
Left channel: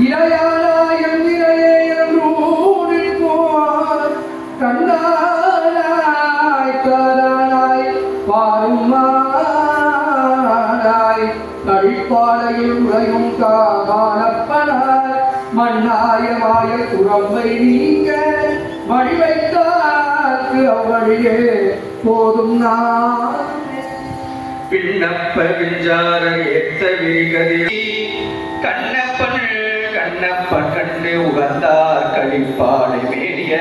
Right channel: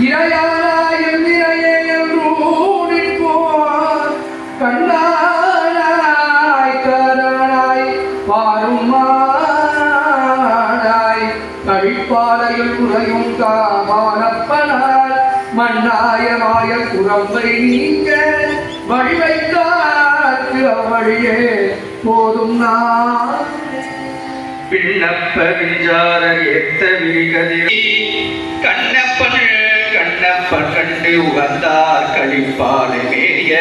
இறையானாய் எந்திரையே என்றூடிப்போர் கண்ணானாய் காரானாய் பாரும் மானாய் கழிப்பாலையில் உறையும் காமானப்பனார் மண்ணாய மாய குரம்பை நீங்க வழி வைத்தார்க்கு அவ்வழியே போதும் நான். விண்ணப்ப விஞ்சார ஏத்த விரிகதி கண்ணப்பன் கண்ணப்பன் கண்டு உகந்தார் கழிப்பாடு மேறிய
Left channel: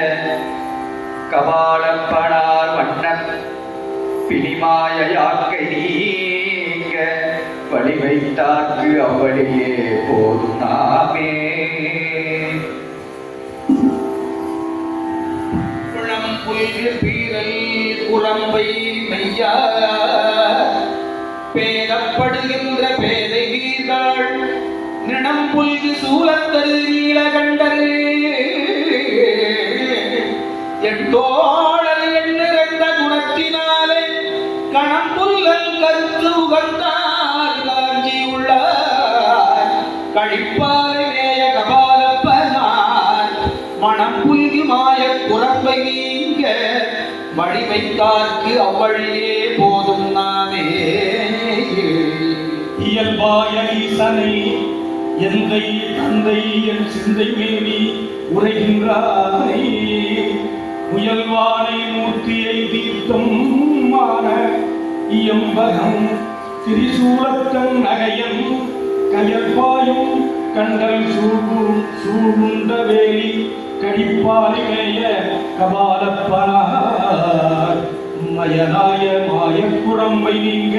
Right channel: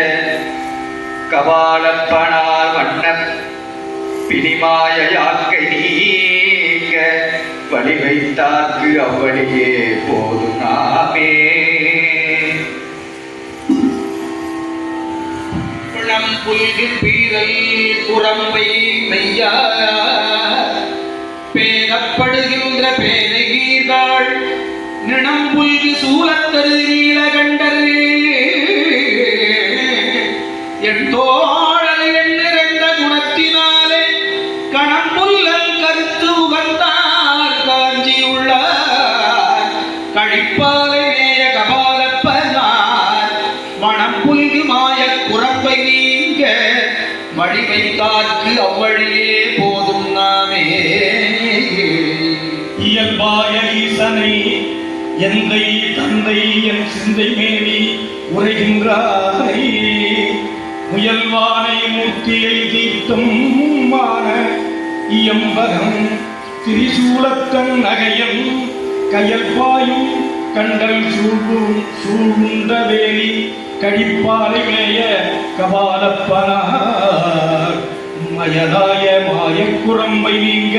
கபாலப்பனார் வண்ண பிணிமாய யாக்கை நீங்க வழிவைத்தார்க்கு அவளியே போதும் நாமே. புல்கு பீரல் குரம்பை மெய்யா பேதப்படுகின்ற பேதைகள் நினம் புல்கு சூழத்தருகிற கண்டர் என் தோழல் எண்ணிறந்த குணத்தினாலே கணம்புல்லல் கருத்து உகந்தார் காஞ்சி உள்ளார் கழிப்பாலை நேய கபாலப்பனார் மணம் புல்கு மாய குரம்பை நீங்க வழிவைத்தார்க்கு அவ்வழியே போதும் நாமே. இயல்பாய ஈசனை எந்தை தந்தை என் சிந்தை மேனி உரைகின்றாரை முயல்வானை மூர்த்தியை தீர்த்தும் மான இயம்பகம் திரிசூலத்தன் நகையம் கயற்பாயும் கண்டல் சூழ்ந்த வேலி கழிப்பாலை மேய கபாலப்பனார் மயதாய மாயக்குரம்பை நீங்க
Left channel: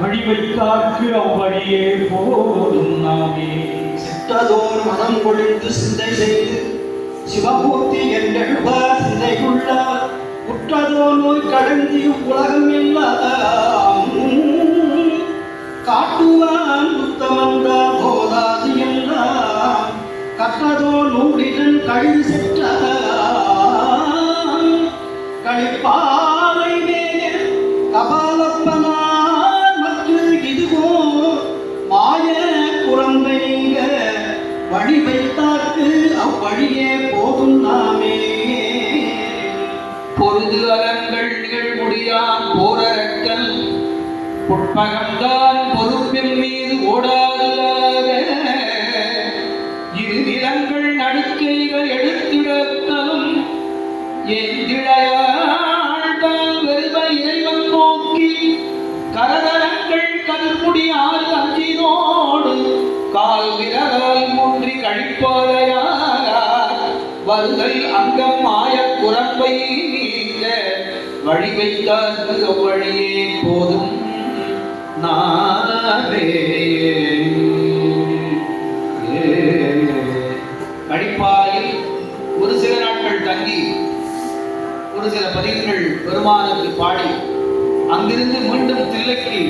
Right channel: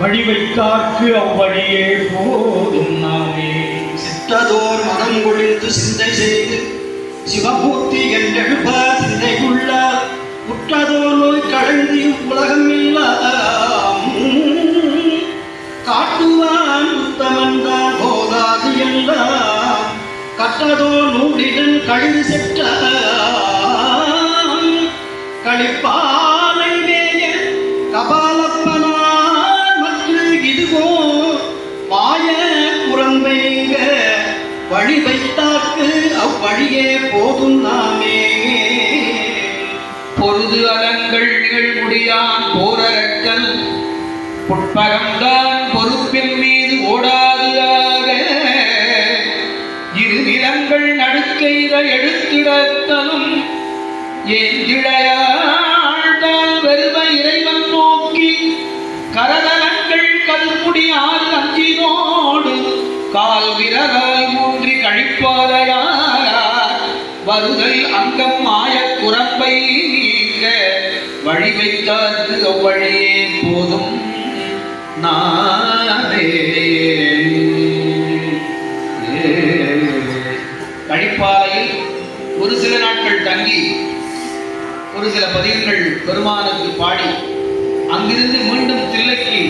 வழிவைத்தார்க்கு அவ்வழியே போதும் நாமே. சித்ததோர் மனம் கொழிந்து சிந்தை செய்து சிவமூர்த்தி என்றெழுப்ப சிந்தைக்குள்ளார் உற்றதோ நோய் கழந்தி உலகம் எல்லாம் காட்டுவான் உத்தமந்தான் போதாது என்றான் கட்டதோ நூலிடன் கழுது செற்ற களிப்பாலை மேய கபாலப்பனார் மற்ற இதுவோ மாய குரம்பைங்க வழி வைத்தார்க்கு அவ்வழியே போதும் நாமே. பொருது அலங்கள் நிகழ்முடியான் போரகத்தல் புட்பகம்தான் பொறுப்பின் மீது ஓடாதுதாக இரு நிலங்கள் நடுக்கைத எடுத்திடத்தலும் ஏந்திழையாழ்தான் வெறுமை இறைவன் நோக்கி கரதலங்கள் கருமுடியால் அஞ்சினோடு கால் விரலாய் மூன்றி கழிப்பாதையார் வருதல் அங்கம் மாய குரம்பை நீங்க வழி வைத்தார்க்கு அவ்வழியே போதும் நாமே. கழிப்பாயில் ஒரு சில நாட்கள் தங்கி ஒரு சில பதிவுகள் பெருமானுக்கு பாடி அங்கிருந்து மீண்டும் தில்லைக்கு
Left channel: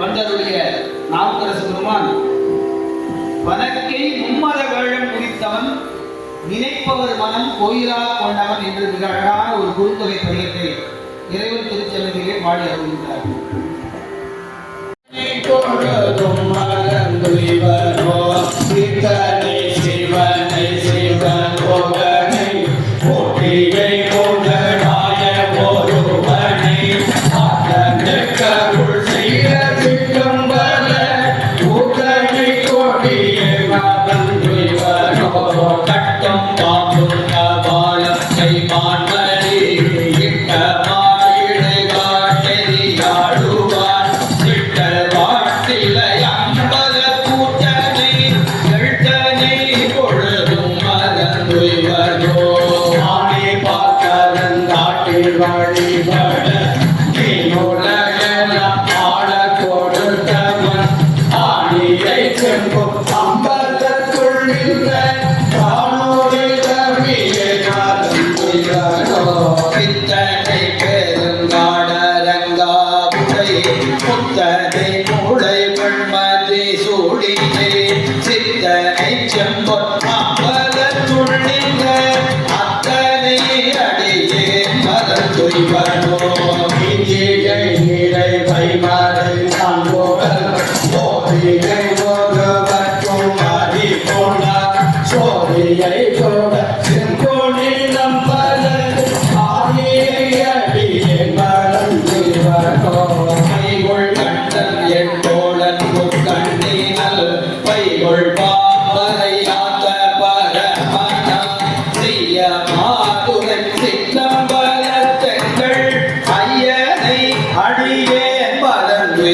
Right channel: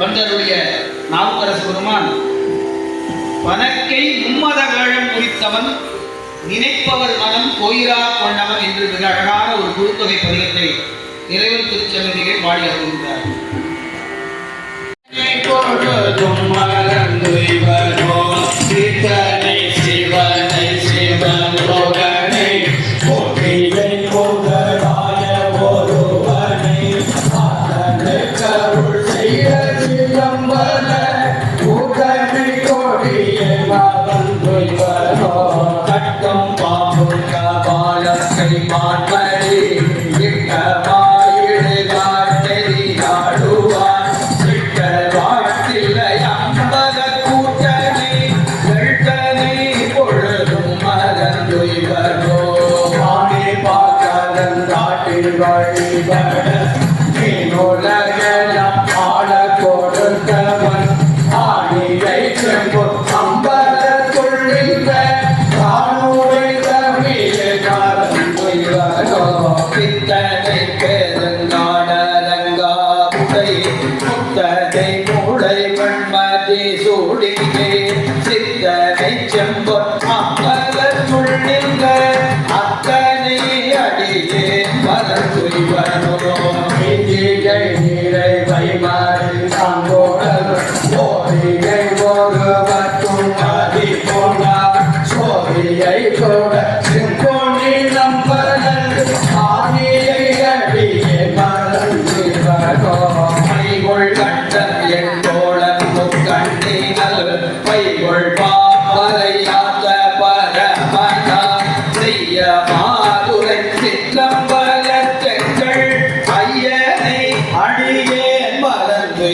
வந்தருடைய நாவுக்கரசு பெருமான் வனக்கை மும்மத வேழம் குறித்தவன் நினைப்பவர் மனம் கோயிலா கொண்டவன் என்று மிக அழகான ஒரு குறுந்தொகை பதிகத்தை இறைவன் திருச்சந்நிதியை பாடி அருள்கிறார். ஐயனை அடியே மலர்ந்து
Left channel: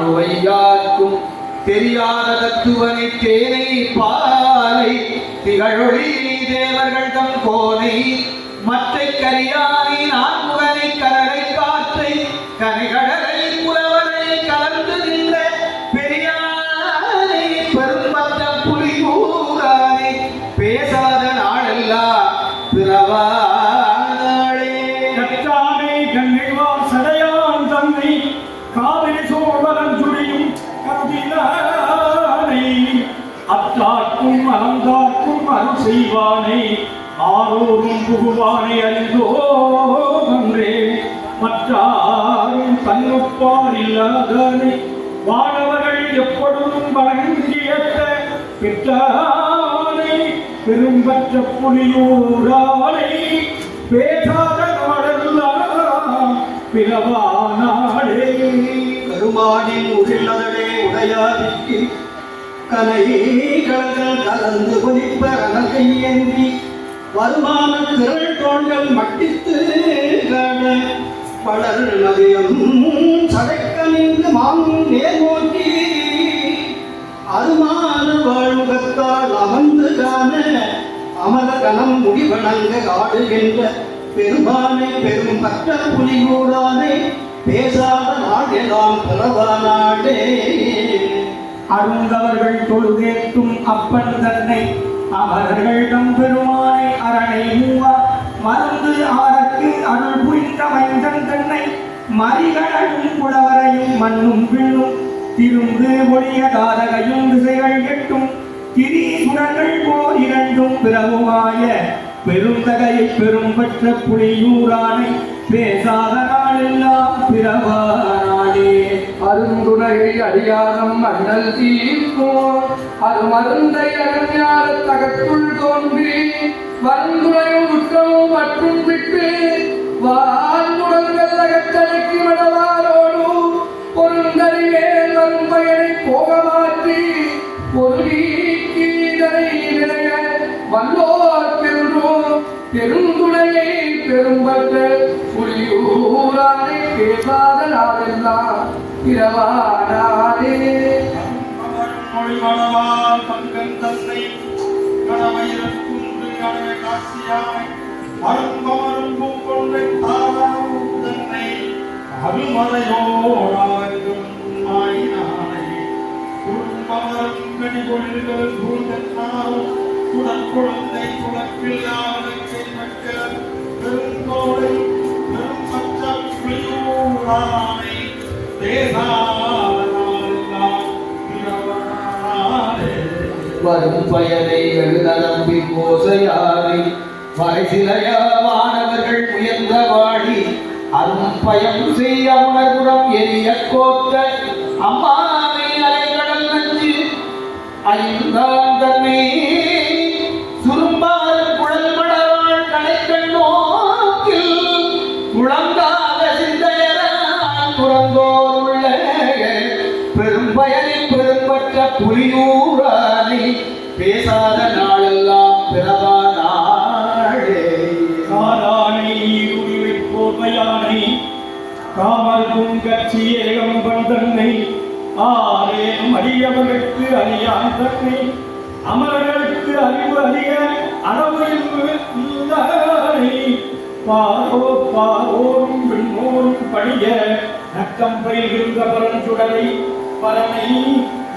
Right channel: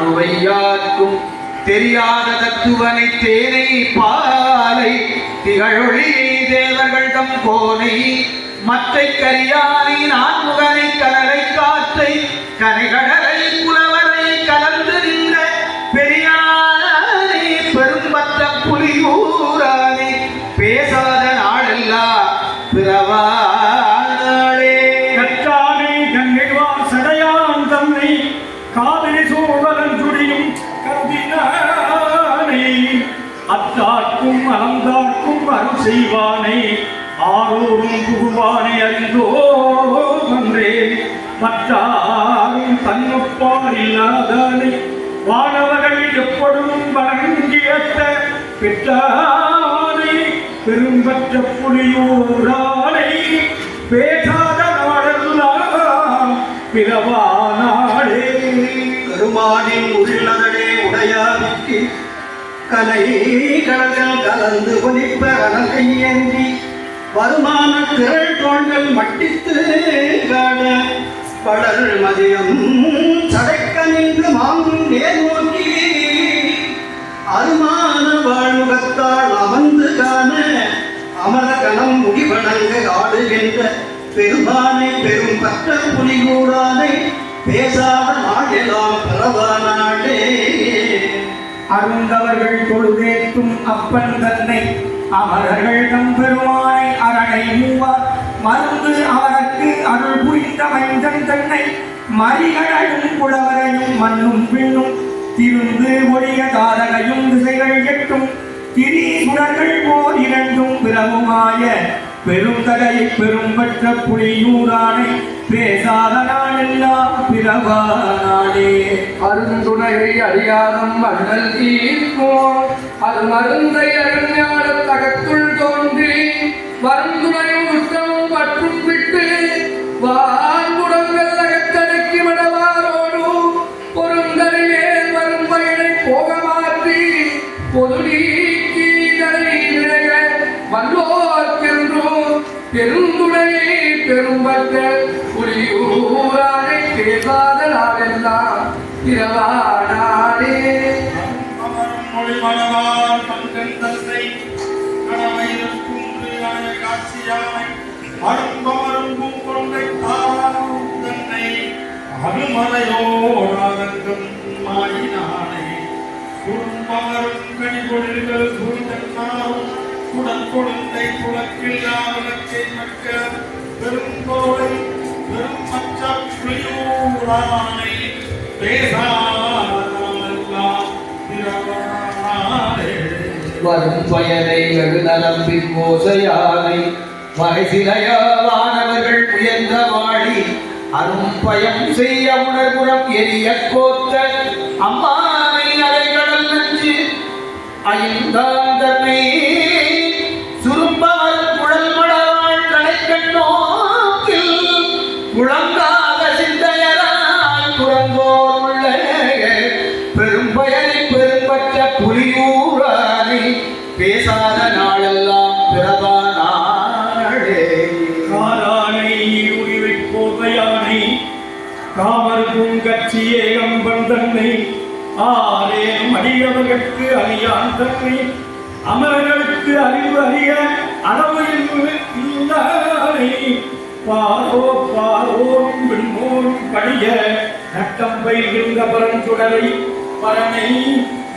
வாழ்வையாக்கும் தெரியாத தத்துவனை தேனை பாலை திகழொளி தேவர்கள் தம் கோனை மற்றை கரியானை நான்முகனை கடலை காற்றை கனைகடலை புலவனை கலந்து நின்ற பெரியானை பெரும்பற்ற புலியூரானை பேசாத நாளெல்லாம் பிறவாளே கற்றானை கண்ணிழ்வார் சடையான் தன்னை காவிரி சோழன் துடியும் கருதினானை அத்தார்க்கும் அலந்தார்க்கும் அருள் செய்வானை ஆரோரும் புகுவானை அறிந்தோ அன்றே மற்றாரும் தன்னப்பால் இல்லாதானை வானவர்கள் எப்பொழுதும் வணங்கியத்த பெற்றானை பெரும்பற்ற புலியூரானை பேசாத நாடெல்லாம் பிறவானாளே பெருமானின் உரிலதடே உடையாவிற்கு கலை கடல்கள் கலந்து ஒலிப்ப கையேந்தி வருமான திரள் தோள்கள் மட்டித்து காண படல் மதியம் சடைக்க நின்று மாங்கும் நேர் நோக்கி அருமான வாழ்முகத்தால் அமர்ந்து காண அமர கணம் முடிவணங்க ஆடுகின்ற பெருமானை பெரும் பற்ற புலிகூடானை பேசாத நாடெல்லாம் பிறவானாடே அருந்தவர்கள் தொழுதேற்றும் அப்பன் தன்னை அமரர்கள் தம் பெருமானை அரணை மூவார் மருந்து அவருக்கு அருள் புரிந்த மைந்தன் தன்னை மறிகடலும் புலவரையும் மண்ணும் பின்னும் திருந்து ஒழிய தாரகையும் திசைகள் எட்டும் திரீசுரர்கள் போர் இரண்டும் பிறவுமாய பெருந்தகையை பெரும்பற்ற புலியூரானை பேசாத நாளெல்லாம் பிறவானாளே அருந்துணையை அறியாதம் அண்ணல் தீர்க்கும் அது மருந்தை அறிஞான தகத்துள் தோன்றி மருந்துணையும் உத்தமும் மற்றும் விட்டு வாழ்முடங்கள் அகத்தடைக்கு விடவாரோடு பொருந்தறிவே வரும் பயனை போக மாற்றி பொது நீக்கீதனை விளைய வல்லோர்க்கின்றோம் பெருந்துணையை பெரும்பற்ற புலியூரானை பேசாத நாளெல்லாம் பிறவானாளே மொழிமளவால் பங்கன் தந்தை கடமையிற்கும் காட்சியானை அரும்பமரும் பூங்கொண்டை தாரும் தன்னை அருமலையோடாதங்கும் மாடினானை குறும்பமரும் கனிகொழில்கள் சூழ்ந்தாரும் குடல் குழந்தை துளக்கில்லாமலத்தை மக்கள் பெருங்கோளை பெரும் பச்ச புலியூரானை பேசாதெல்லாம் பிறவானாலே வரும் பயனை எழுநரம்பி கோசையானை வகைசிலையானவர்கள் உயர்ந்த வாழி அரும்பயம் செய்ய உணர்புறம் எரிய கோத்த அம்மானை அலைகடல் நஞ்சு ஐந்தாம் தன்னை சுரும்பார் குழல் மடவாள் கடைக்கண் நோக்கில் குழந்தாக சிந்தையராய் துறந்தோர் உள்ள பெரும்பயனை பெரும்பற்ற புலியூரானை பேசாத நாளெல்லாம் பிறவானாளே காரானை உரிவை கோதையானை காமர் பூங்கச்சி ஏகம்பன் தன்னை ஆரேனும் அடியவர்களுக்கு அறியான் தன்னை அமரர்களுக்கு அறிவு அறிய அளவையில்லை பாரோ பாரோரும் விண்மோரும் படிய நட்டம் பயிர்கின்ற பரஞ்சுடலை பரனை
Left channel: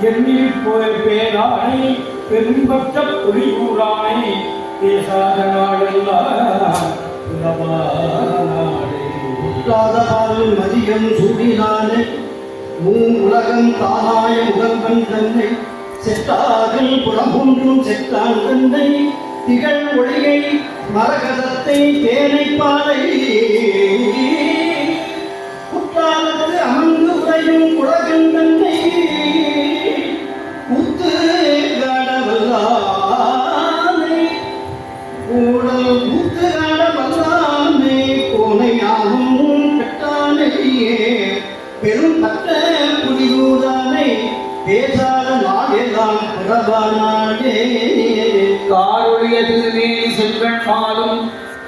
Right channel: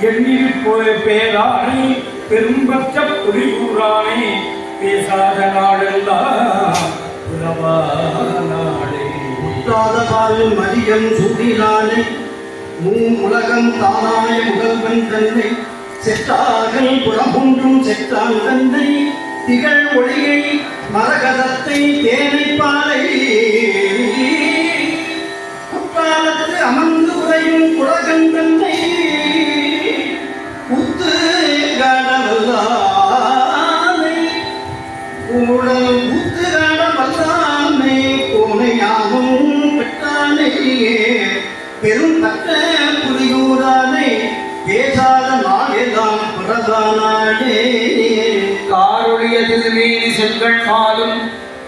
எண்ணில் போய் பேரானை பெரும்பற்ற புலியூரானை பேசாத நாடெல்லாம் பிறவானாளே காதலால் மதியம் சூடினானே உலகம் தானாய முகல்வன் தன்னை செட்டாகல் புலமொன்றும் செட்டான் தன்னை திகழ் ஒளியை மரகதத்தை தேனை பாலை குற்றாலத்து அமர்ந்து உரையும் குலகன் தன்னை குத்து காடவல்லானை ஊழல் குத்து காடவல்லானை கோனையாகும் பெற்றானையே பெரும் பட்ட புலியூரானை பேசாத நாடெல்லாம் பிறவானாடே காருடைய திருமேனி செல்கள் மாலும்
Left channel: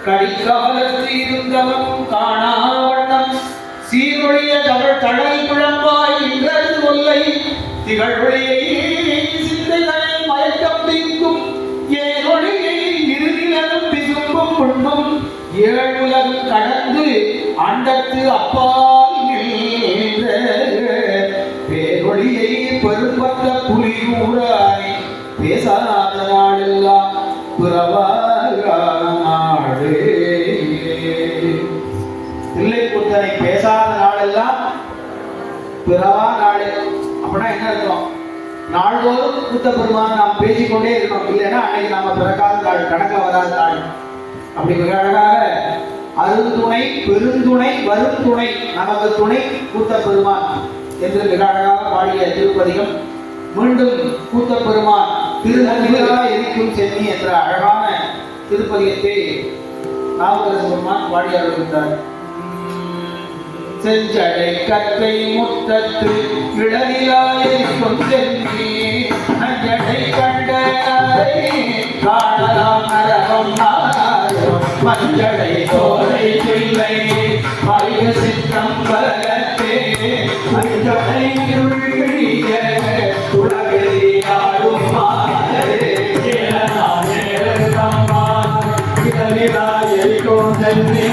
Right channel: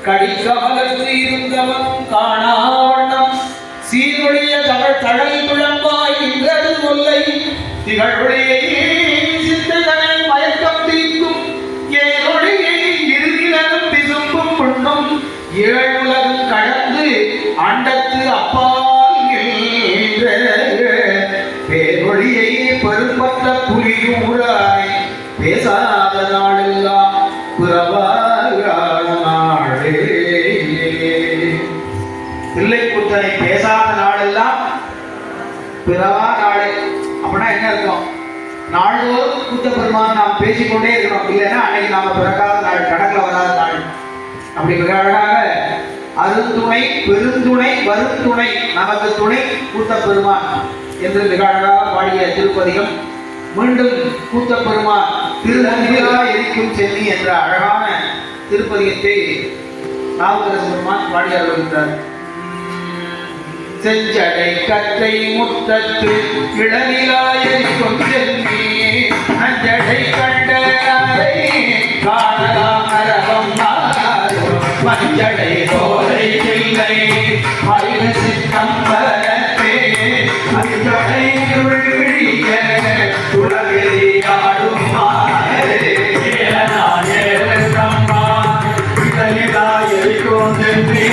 கடிக்காலத்து இருந்தவன் காணாவண்ணம் சீருடைய தவள் தடல் குழம்பாய் இன்றது திகழொழியை சிந்தைகளை மயக்கம் தீர்க்கும் ஏழொழியை இறுதியிலும் விசும்பும் கொண்டும் ஏழுலகம் கடந்து அண்டத்து அப்பால் நின்ற பேரொழியை பெரும்பற்ற புலியூராய் பேசாத நாளெல்லாம் புறவாகான நாளே. தில்லைக்கூத்தனை பேசாத நாளெல்லாம் பிறவா நாளே. அப்படின்னா என்ன இருக்கும்? நாள்தோறும் கூத்த பெருமான் நாம் பேசிக்கொண்டே இருக்கணும். இல்லைன்னா அன்னைக்கு நாம பிறக்காத நாள், கணக்கில் வராத நாள். அப்படி மிக அழகாக அருந்துணை பெருந்துணை வருந்துணை நமக்கு துணை கூத்த பெருமான் என்று மிக அழகாக பாடிய திருப்பதிகம். மீண்டும் கூத்த பெருமான் திருநெல்வேலா எரிக்கும் சென்னி என்ற அழகான திருப்பதிகத்தை நாவுக்கரசு பெருமான் பாடி அருள்கின்றார். செஞ்சடை கற்றை முற்றத்து இளநிலாயரிக்கும் சென்னி அஞ்சடை கண்ட காணலாம் அரவம் மஞ்சடை தோலை பிள்ளை மயில சித்தம் பரத்தே மஞ்சடை விழிய உலகெறியாடும் இளநிலாயரிக்கும் சென்னி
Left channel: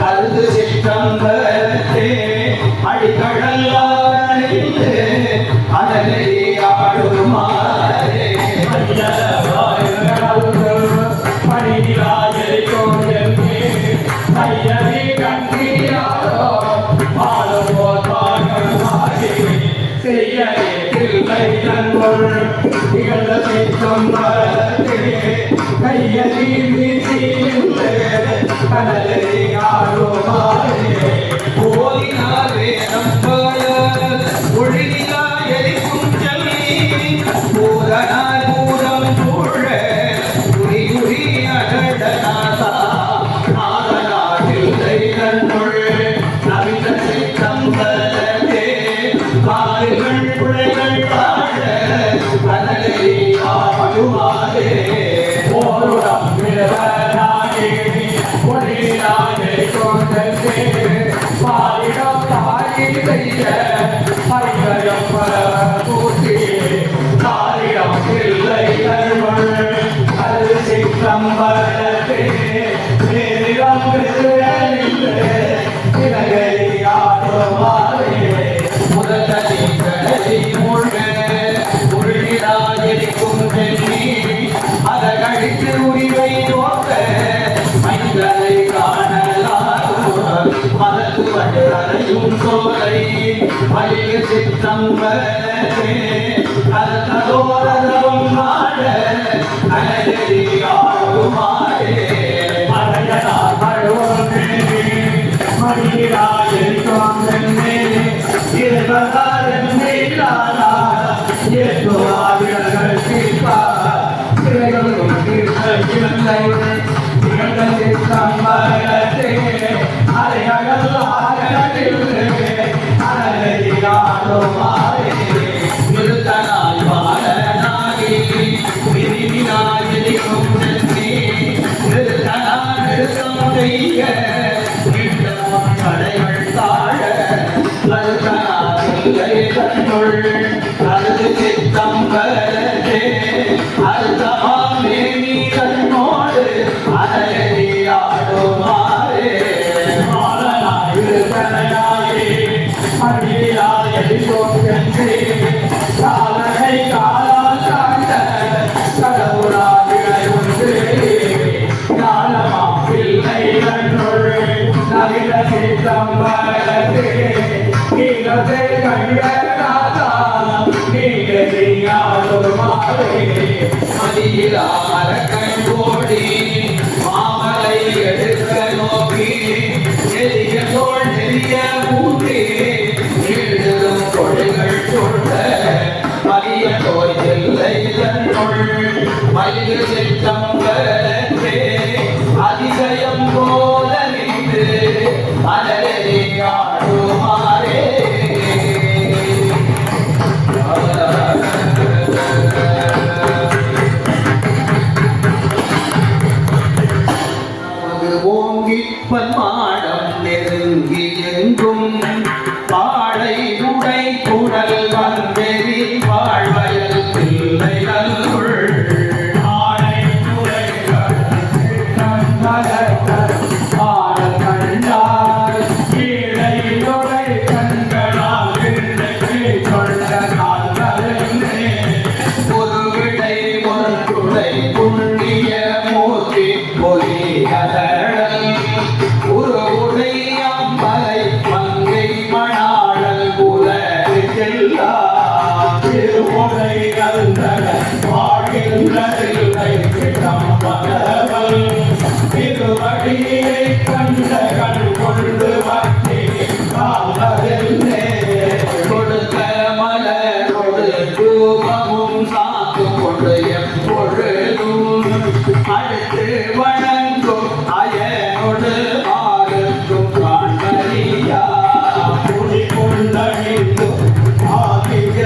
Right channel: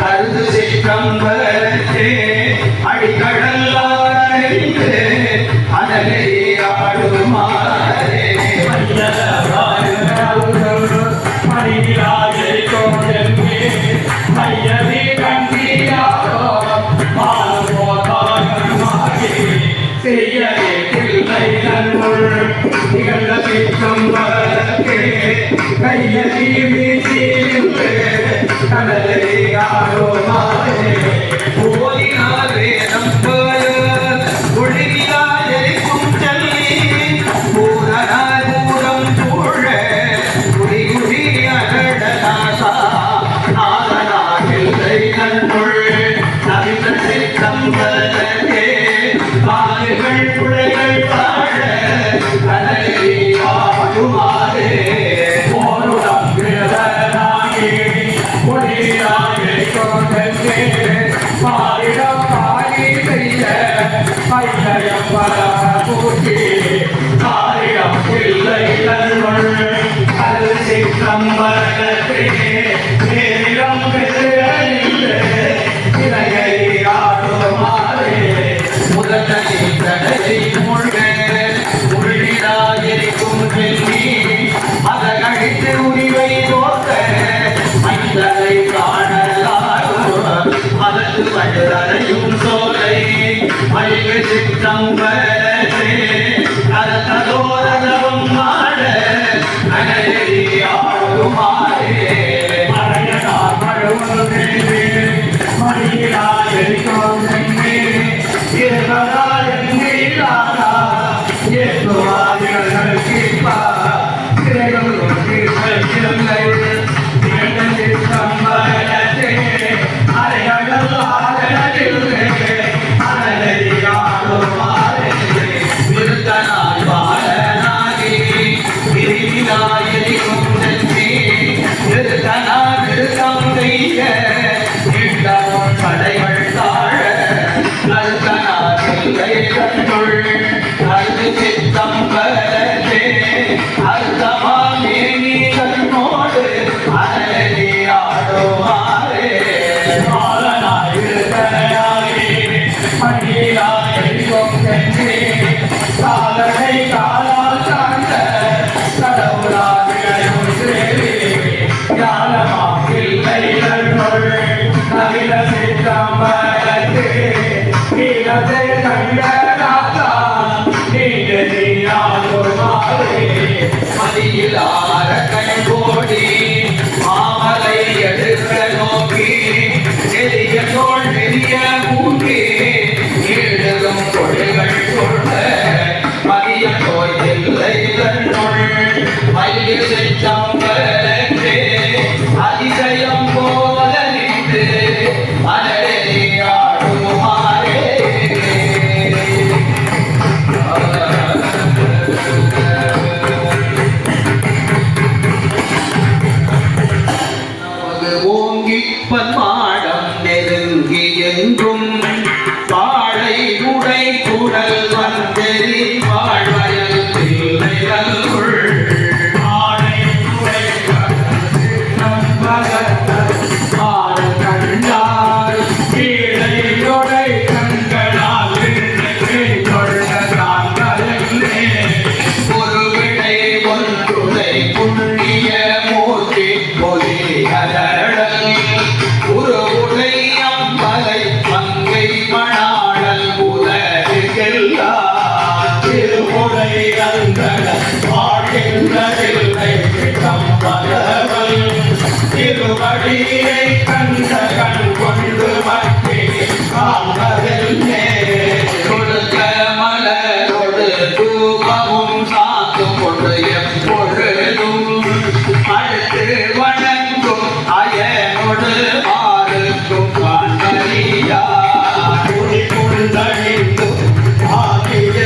கருது சிற்றம் வரத்தே அடிக்கடல்லாடுமாறே ஓதினார் வேதம் போல ஒளிவிலாயரிக்கும் சென்னி பூரணார் பூரம் சூழ குடி குடி அகடநாசா நாதனாகில்லை நன்முள் நவித சித்தம் பலத்தே கால்கள் குழைகள் தாழ கடலில் ஆடுமாறே போருடம் விழவனாகி ஒளிவிலாயரிக்கும் சென்னி பாரிடம் பாடி செய்ய பையம் பல பூசி காரிடம் இல்லை நன்முள் அது சித்தம் பலத்தே நேரிடம் விழுந்து இலகை ஆடுமாறே முதலி கடலை மூழ்க உருளிடாயிருக்கும் சென்னி அதகழித்து உரிவை போக்க மனிதரை காணலாகும் மதத்து படுறையும் சோலை மயிறு சித்தம் வரே கருத்தோரதவம் மாட அனலி ஆடுமாறே மறையனார் மழுவமே மடியிலாயிருக்கும் சென்னி இருபதாயிரம் மீளாதா ஏற்றுவாதிகள் கீழ்ப்பா திரைகளும் கீழ்ப்பை சம்பளத்தே அரையடல் ஆடலில் அனலியாடுமாறே நிறுத்தனால் பாலனாகி விரிவிலாயரிக்கும் சென்னி நிறுத்தனால் நிறுத்தம் செய்ய நீண்டமும் கடைகள் தாழ கருத்தனாகில்லை கண்ணுள் கருது சித்தம் பலத்தே அர்த்தமாமே நீ கண்ணோடு அனலி ஆடுமாறே மாலனாயிருத்தனாகி மடியிலாயரிக்கும் சென்னி காலனை காலால் சார்ந்த கடவுளாதிகளும் சேரி ஞானமாகில்லை நன்முள் நவில சித்தம் பலத்தே கீழத்தை கண்டநாதா கூடல் வந்தெறி வாழ்வயல் தில்லை நல்லுள் திருவடியை கண்ட கண் கொண்டு கொடுத்த மலரோடு தூபமும் சாத்தும் கொண்டு எப்பொழுதும் அடுத்து வணங்கும் அயனோடு ஆறுக்கும் காண்பறியா குடி கொண்டழிந்தும் ஆகிய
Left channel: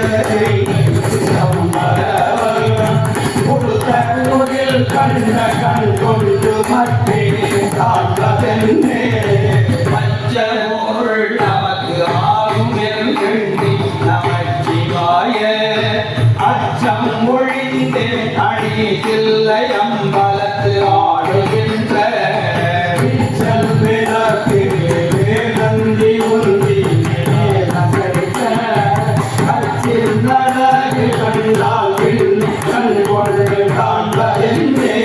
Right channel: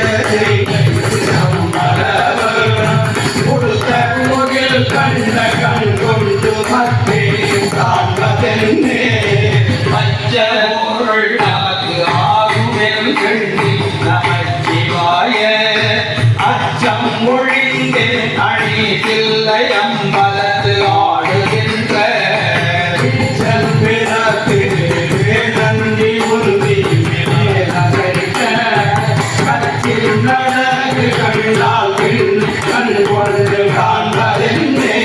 கண்ட கண் கொண்டு மத்தே காண்பதென்னே பச்ச பொருள் நமக்கு ஆகும் எண்ணி நமச்சிவாய அச்சம் ஒழிந்து அணி தில்லை அம்பலத்து ஆடுகின்ற பிறகு நன்றி உறுதி கச்சில் நடகு கண்டால் கண் கொண்டு காண்பதென்னே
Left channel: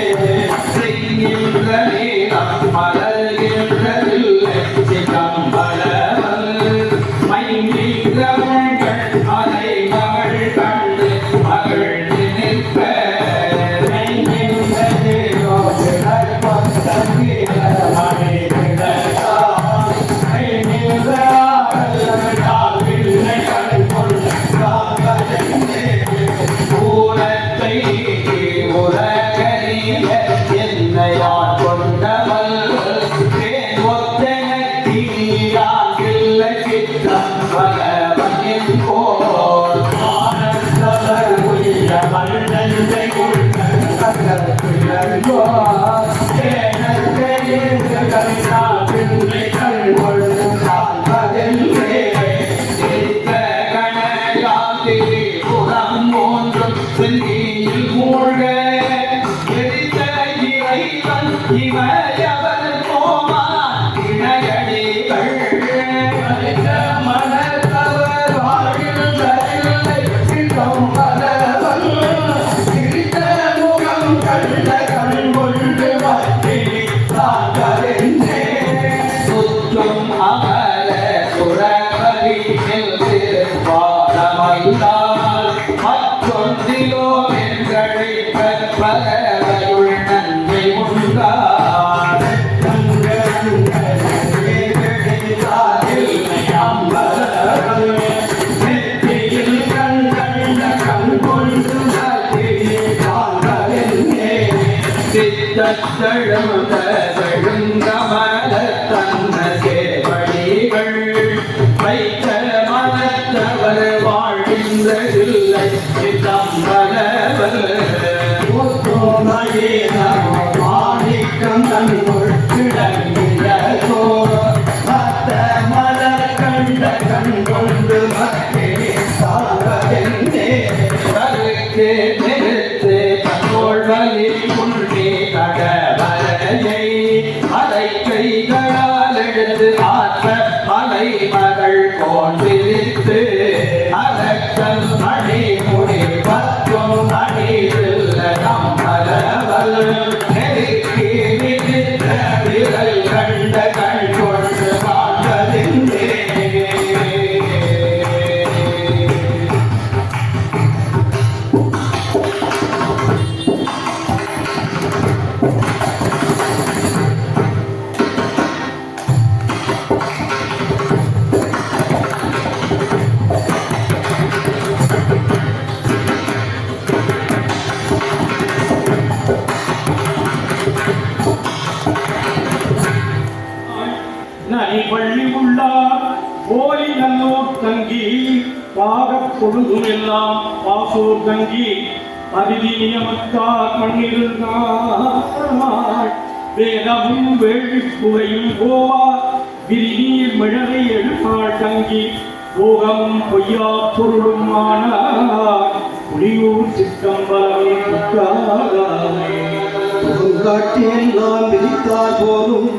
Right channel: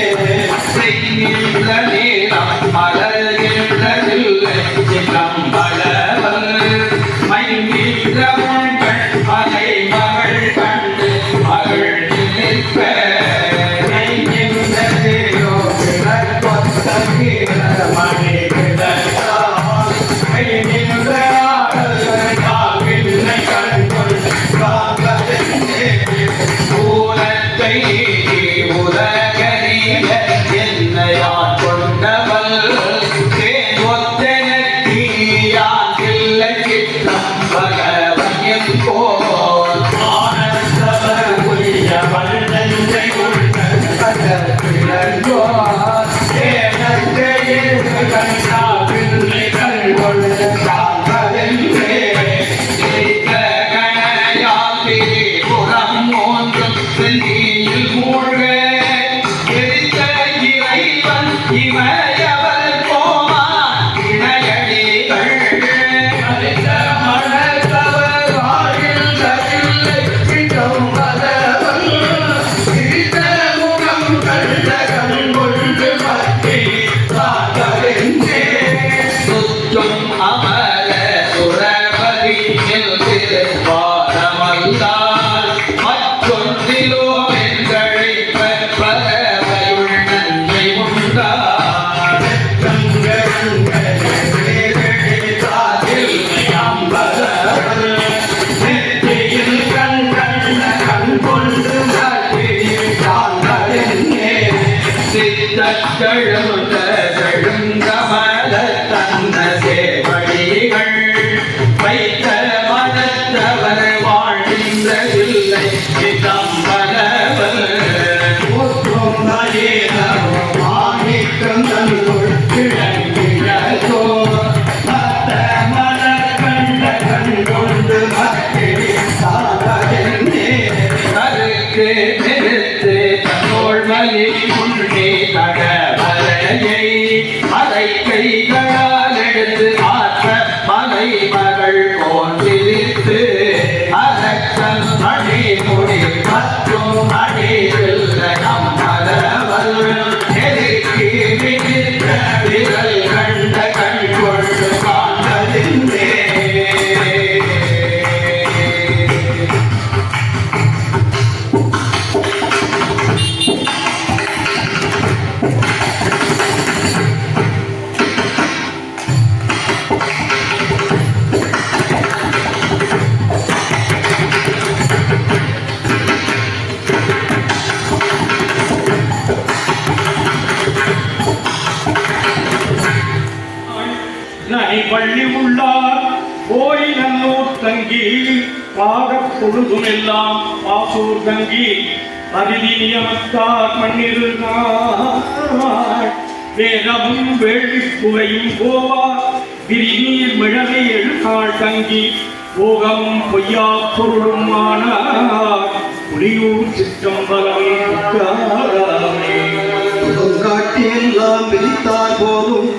செய்கின்ற நீளம் மலர்கின்றதில்லை சிதம்பலவல் மைந்திரங்கள் மலை மகள் கண்டு மகிழ்ந்து நிற்ப நெய்கின்றதேயோ கிழக்கொத்த மணி கிடந்தால் கைகின்ற ஆடல் கண் கொண்டு காண்பதென்னே பூரத்தை உலகறிய என்னையான் கொண்டவள் தேன் ஒத்தனக்கியான் இல்லை சித்தம் பகவன் என்போர் ஆனந்தவர் உரிய வல்லஞ்சை உள்ள பகப்பிழந்தோர் ஏனத்தையில் கண்டா பிள்ளை கண்கொள் காண்பதென்றே கணையால் புறம் மூன்றும் செந்தியில் மூழ்க இறைவன் இமையவர் போமா இணையடிகள் மனத்தவர் வாழ்கின்றதில்லை சிதம்பலவல் சிரித்த முகம் கண்ட கண் கொண்டு மத்தி காண்பதென்னே சுற்றும் அமர சுரபதி திருப்பாரமல்லால் மற்றொன்றிலோ என்றழைப்ப பரவையுள் நன்றி உண்டார் நெற்றியில் கண் கண்ட கண் கொண்டு காண்பதென்னே சித்தழுந்த செழுங்கமல தன்ன சேவடிகள் வைத்த மனத்தவர் வாழ்கின்றதில்லை சிதம்பலவல் மாணிக்கம் தன்னுள் கிழங்கிழதோ மத்த மலர் கண்ட கண் கொண்டு மக்கே சாவதென்னே கருக்கு நிறுத்து தன்னோள் வலி உண்டே கடவரையை அதை கைகளால் எடுத்து ஆற்ற மலை மகள் போன்றிருத்து அரக்கன் அடிமுடி மற்றும் அடிவில்ல அம்பலவல் நெருக்கி மிதித்த விரல் கண்ட கண் கொண்டு காண்பதென்னே பள்ளி உள்ளார் போய் நல்லூர் தங்கி பாகப் பொழுதுமெல்லாம் பாசூர் தங்கி அரிதி நியமத்தார் மண்ணிருந்தார் வேதமும் வேள்வி குவையும் போவார் விரிநீர் மிழவை எழுநாள் தங்கி போகம் பொய்யா பொருளும் ஆனார் புலியூர் சிற்றம்பலமே புக்காதாமே காட்டி எல்லாம் விதித்தார் போதும்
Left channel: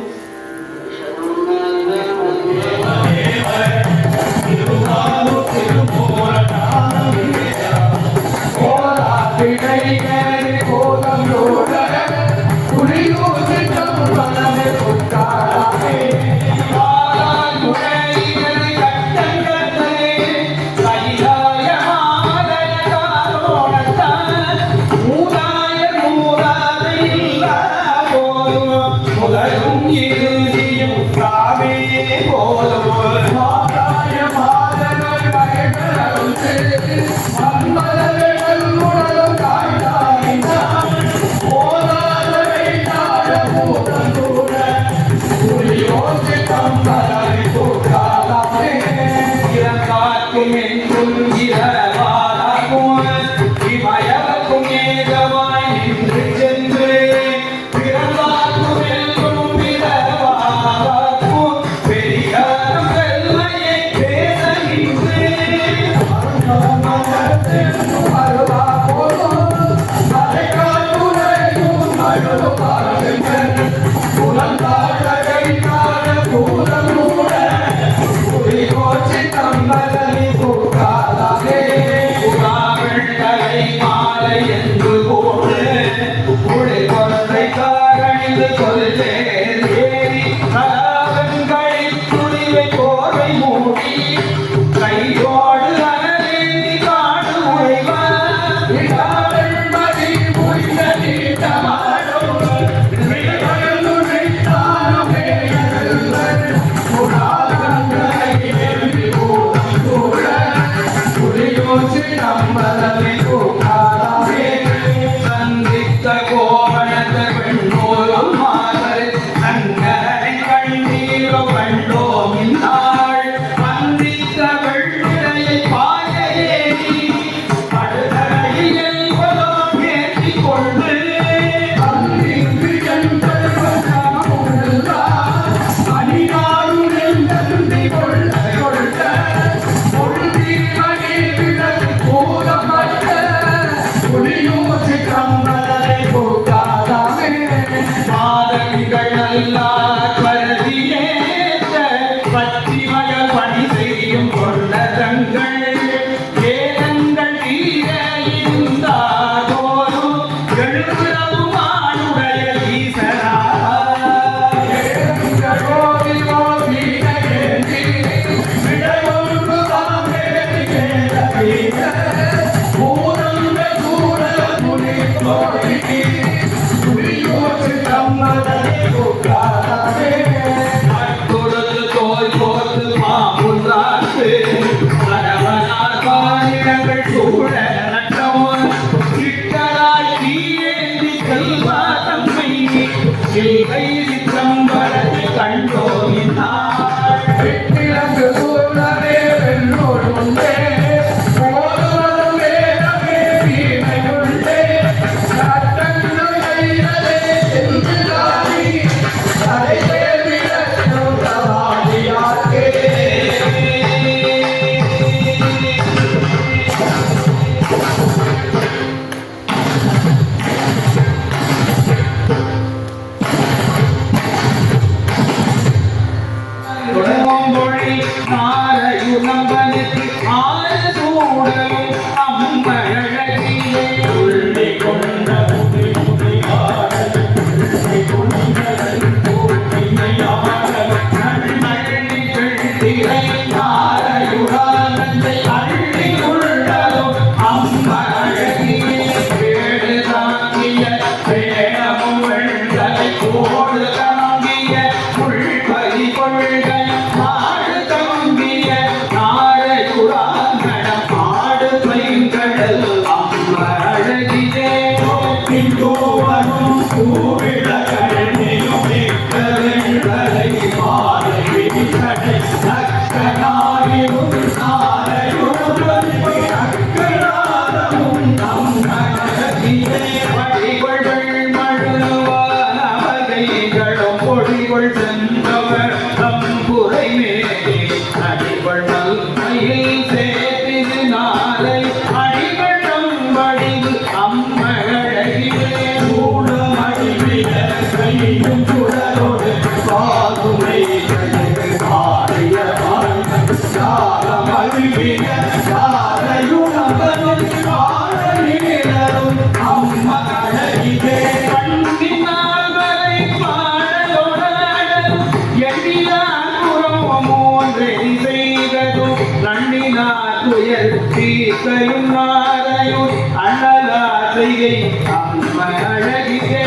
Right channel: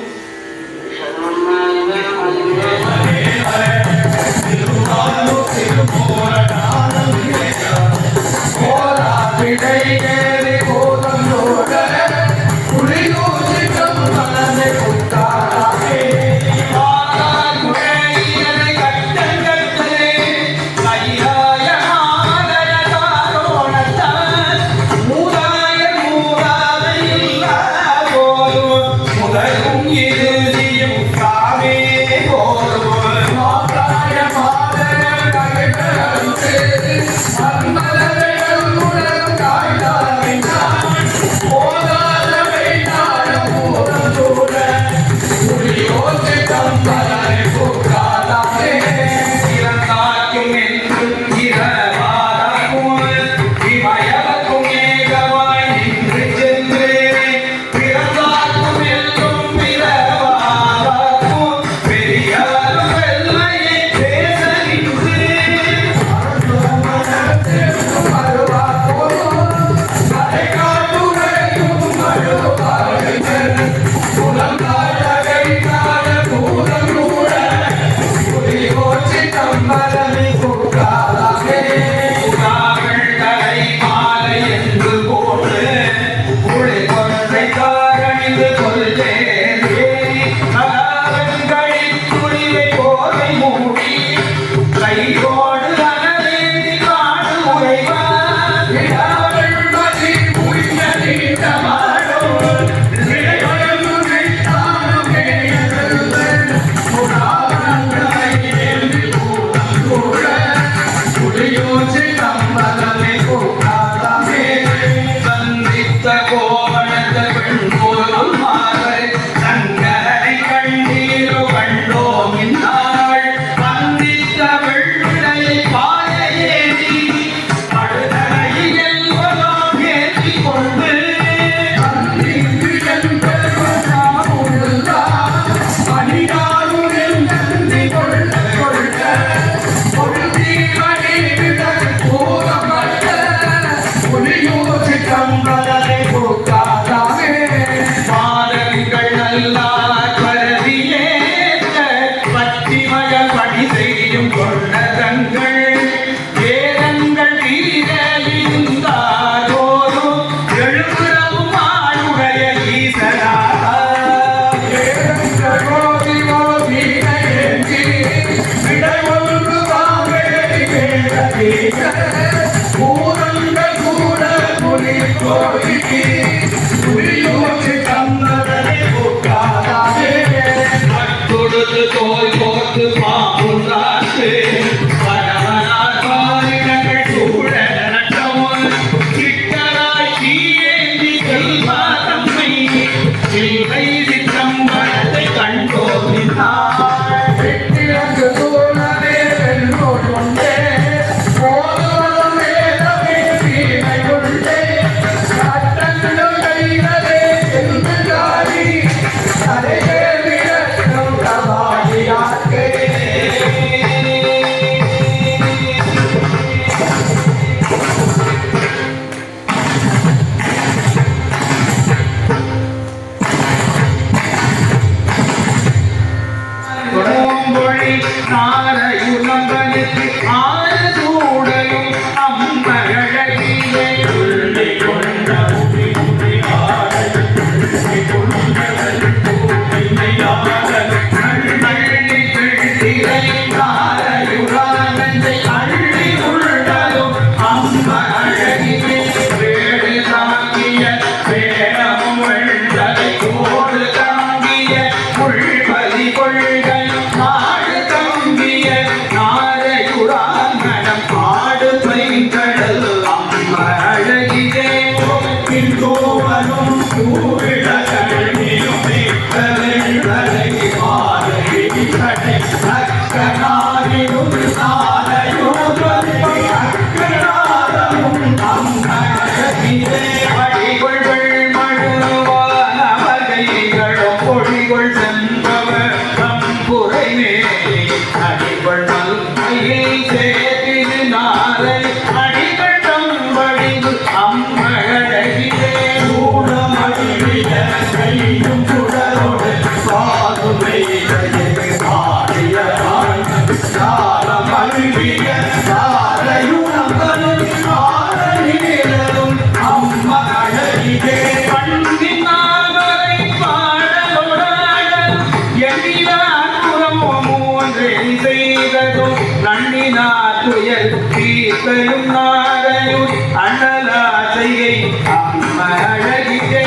பொழிகொள் சென்றவர் தம்புரை மேலே அடிபடல் துயர் தீர்க்கையும் நாரையும் அண்ணலாசையை அம்மழகிலே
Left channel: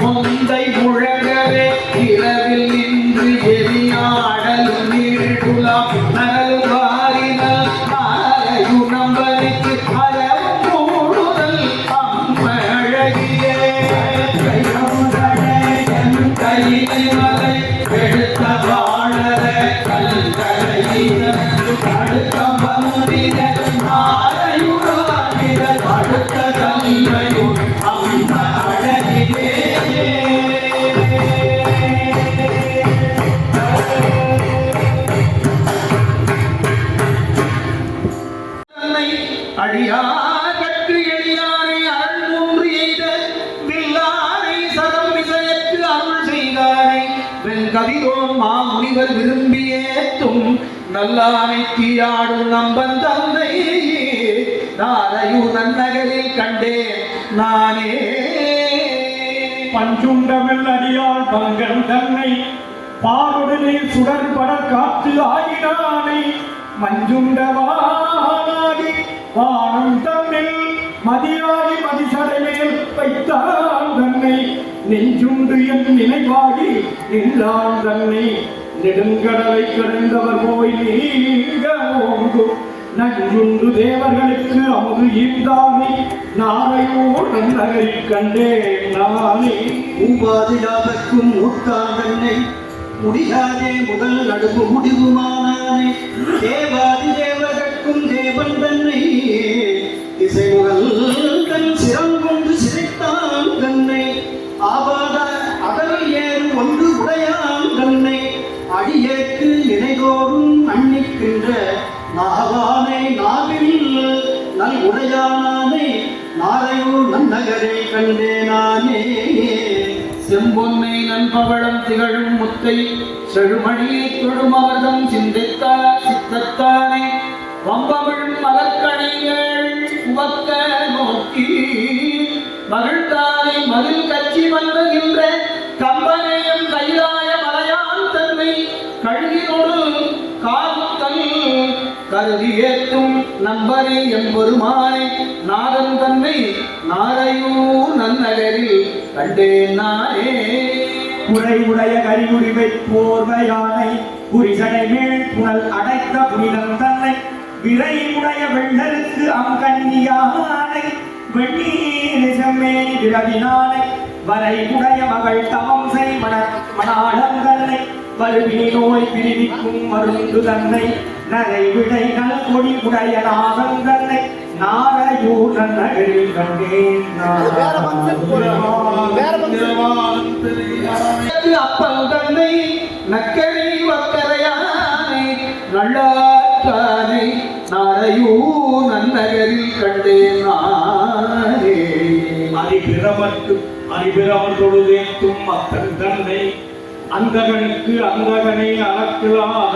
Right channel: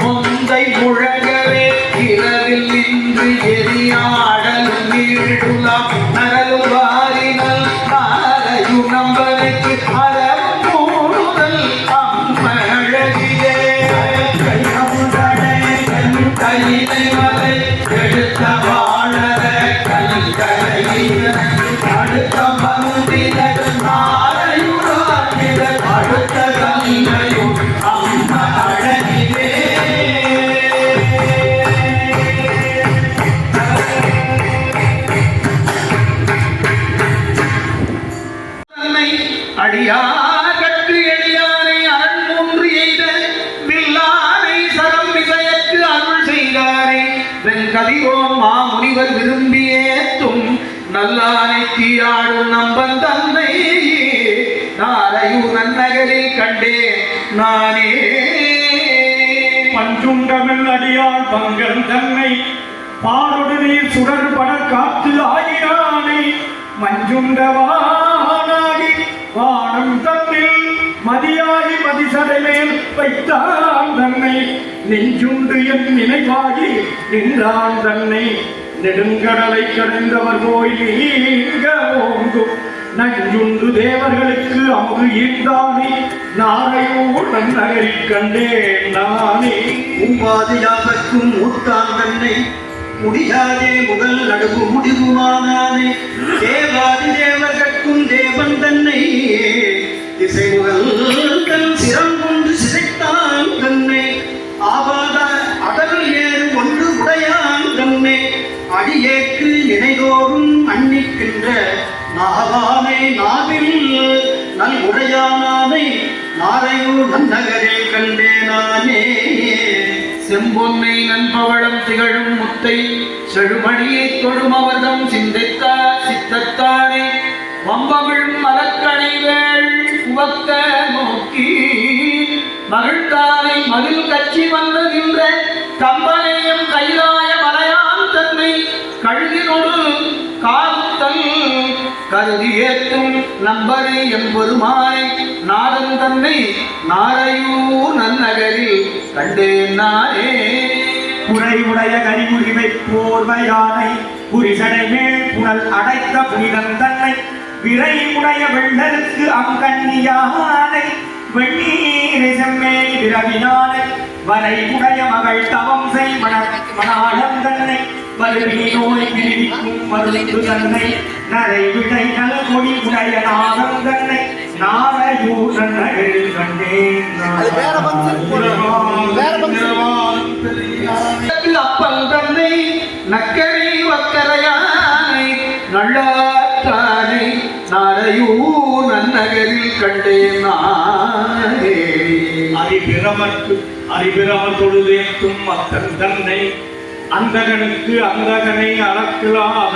முந்தை முழகவே இரவில் இன்று எரியாடலும் நீடுலாம் நரலும் வாரினல் மாலையு நம்பனுக்கு மரமும் கூடுதல் அம்மழகிலே கையிலை மலை எடுத்த வாழற கல்கலை அடுத்த மந்திர மாலையுடைய அடுத்த கல்லையும் அம்மழகிலே அடியார்கட்கு எளியானை அரண் மூன்று எய்த வில்லானை சரம் விசையற்கு அருள் செய்தாரை வெண்கதிரோம் மாமுனிவர் விரும்பியேத்தும் நல்லானை தீயாடும் நம்பன் தந்தை நாரையூர் நகரில் கண்டேன் நானே பஞ்சுண்டவள் அடியார் பங்கன் தன்னை பாடொடு நீர் சுடர்பட காத்து ஆயினானை மஞ்சுண்டவானாகி வானம் தன்னில் மதியாகி மதிசடை மேல் வைத்தான் தன்னை நெஞ்சுண்டு என் நினைவாகி நின்றான் தன்னை நெடுங்கடலை கடந்தவர் போய் நீங்க ஓங்கு நஞ்சுண்டு தேவர்களுக்கு அமுது ஈர்ந்தானே நாரையோர் நன்னகரில் கண்டேன் நானே உபாதியாதற்கும் ஊர்த்தான் தன்னை முடியாதே முதல் நடுவு முடிவுமானானே தேவாதி தேவகற்கும் தேவன் தன்னை திசை முதல் தன் சிரம் கொண்டு சிதைத்தான் தன்னை ஆவாத அடல் ஏறு ஒன்று உடையான் தன்னை அடியேற்கு நினைதோறும் அன்னிக்கின்ற நாவானை நாவில் நல் உடையானானை நாரையூர் நன்னகரே கண்டேனானே செம்பொன்னை நண்பவளம் திகழும் முத்தை செழுமணியை தொழும் அவர்தம் சித்தத்தானே வம்பவிழும் மலக்கணைகள் உவக்க நோக்கி மகிழ்ந்தானை மதில் கட்சி வந்தகின்ற கம்பனையும் கைலாய மலையான் தன்னை கழுகினோடு காத்தல் கருதி ஏற்றும் நம்பனை எம்பெருமானை நாதன் தன்னை நாரையூர் நன்னகரில் கண்டேன் நானே குறைவுடைய கரிகுடிவை போர்வையானை புரிசடை மேல் புனல் அடைத்த புனிதம் தன்னை விரைவுடைய வெள்ளருக்கு அங்கண்ணியானை வெண்ணீரை செம்மேனி விரவினானை வரைவுடைய மகள் தவம் செய் மணாளம் தன்னை வலுவினி நோய் பிரிவிக்கும் மருந்து தன்னை நரைவிடை நல் கொடி உடைய நாகம் தன்னை நாரையூர் நன்னகரில் கண்டேன் அப்பல் தன்னை நக்கரை வக்கரையானை நல்லாற்றானை நாரையூர் நன்னகரில் கண்டேன் நானே அறிபிரமர் தொழுதேற்றும் மக்கள் தன்னை அந்தகனுக்கு அந்தகனை அளக்கலாக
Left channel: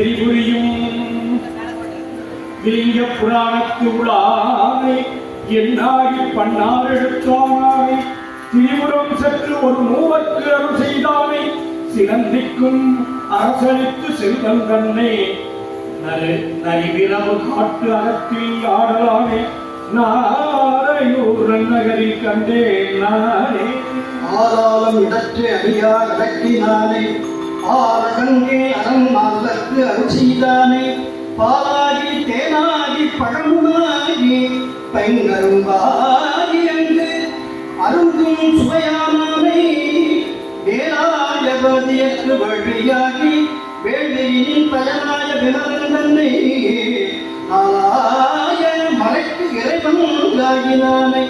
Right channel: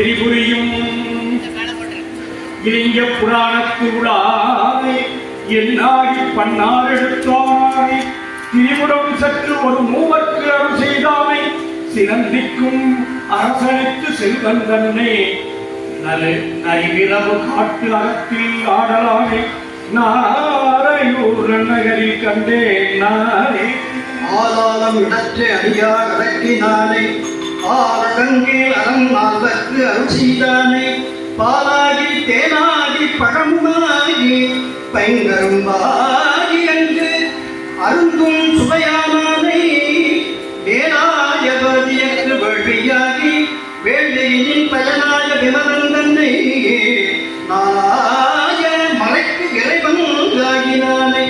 எரிபுரியும் இலிங்க புராணத்து உளானை என்னாகி பன்னார் எடுத்தானை திரிபுரம் சற்று ஒரு மூவர்க்கு அருள் செய்தானை சிறந்திக்கும் அரசனுக்கு செல்வன் தன்னை நரிவிரவு காட்டு அறத்தில் ஆடலானை நாரையூர் நன்னகரில் கண்டேன் நானே ஆதாரம் இடற்று அடியார் அடக்கினானை ஆரங்கே அரண் நால்வர்க்கு அருள் செய்தானை பாலாகி தேனாகி பழமுமாகி பைங்கரும்பாகி அங்கு அருந்தும் சுவையானானை வேலாயபதியற்கு வழியாகி வேள்வியின் பயனாய விமதன் தன்னை நாளாய மலைக்கு இறைவனாகினானை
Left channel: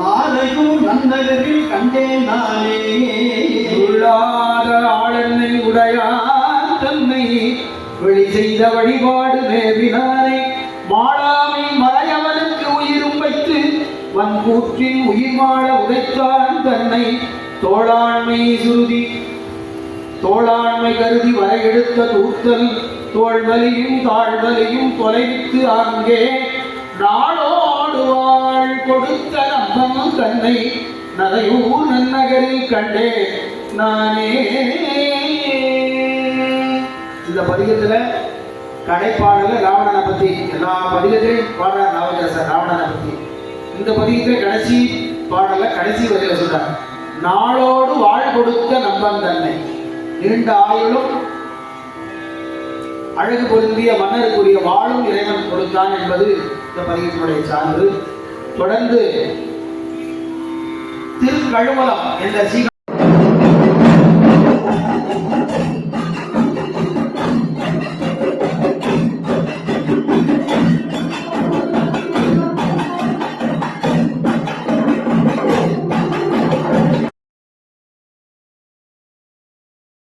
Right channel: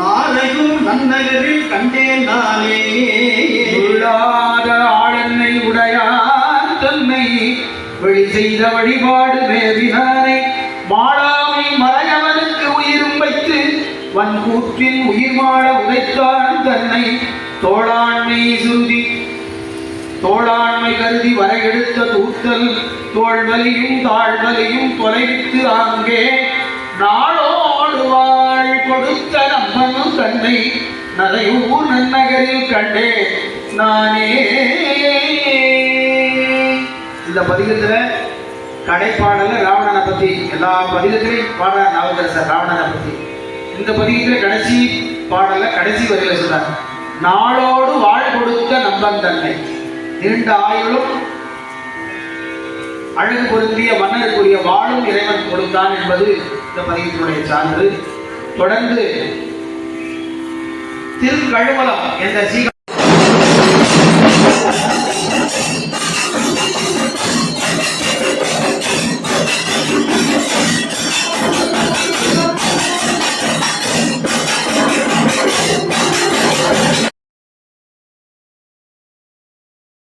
நாளையும் நன்னகரில் கண்டேன் நானே உள்ளாத ஆளென்னை உடையான் தன்னை வெளி செய்த வழிபாடு மேவினானை மாளாமை மறையவனுக்கு உயிரும் வைத்து வன்கூற்றின் உயிர் மாட உதைத்தான் தன்னை தோளாண்மை சுருதி தோளாண்மை கருதி வரை எடுத்த தூத்தல் தோல்வலியும் தாழ்வலியும் தொலைவித்து அங்கே நாளோடு வாழ் கொடுத்த நம்பனும் தன்னை நரையூர் நன்னகரில் கண்டே நானே. இந்த பதிகத்துல கடைப்பாடல ராவணனை பத்தி எல்லா பதிகத்திலையும் பாடுற நவகரசர் ராவணனை பத்தி. இந்த பதிகத்துல கடைசி பாடல கடைசி வரையில சொல்றாங்க, நாளோடு வாழ் கொடுத்த நம்பன் தன்னை. நீண்ட ஆயுளும் அழகு பொருந்திய மன்னருக்குரிய வாழும் இறைவன் கொடுத்தான் என்பது இந்த பதிகத்தினுடைய சான்று. தொடர்ந்து திருக்கழுமலம் என்ற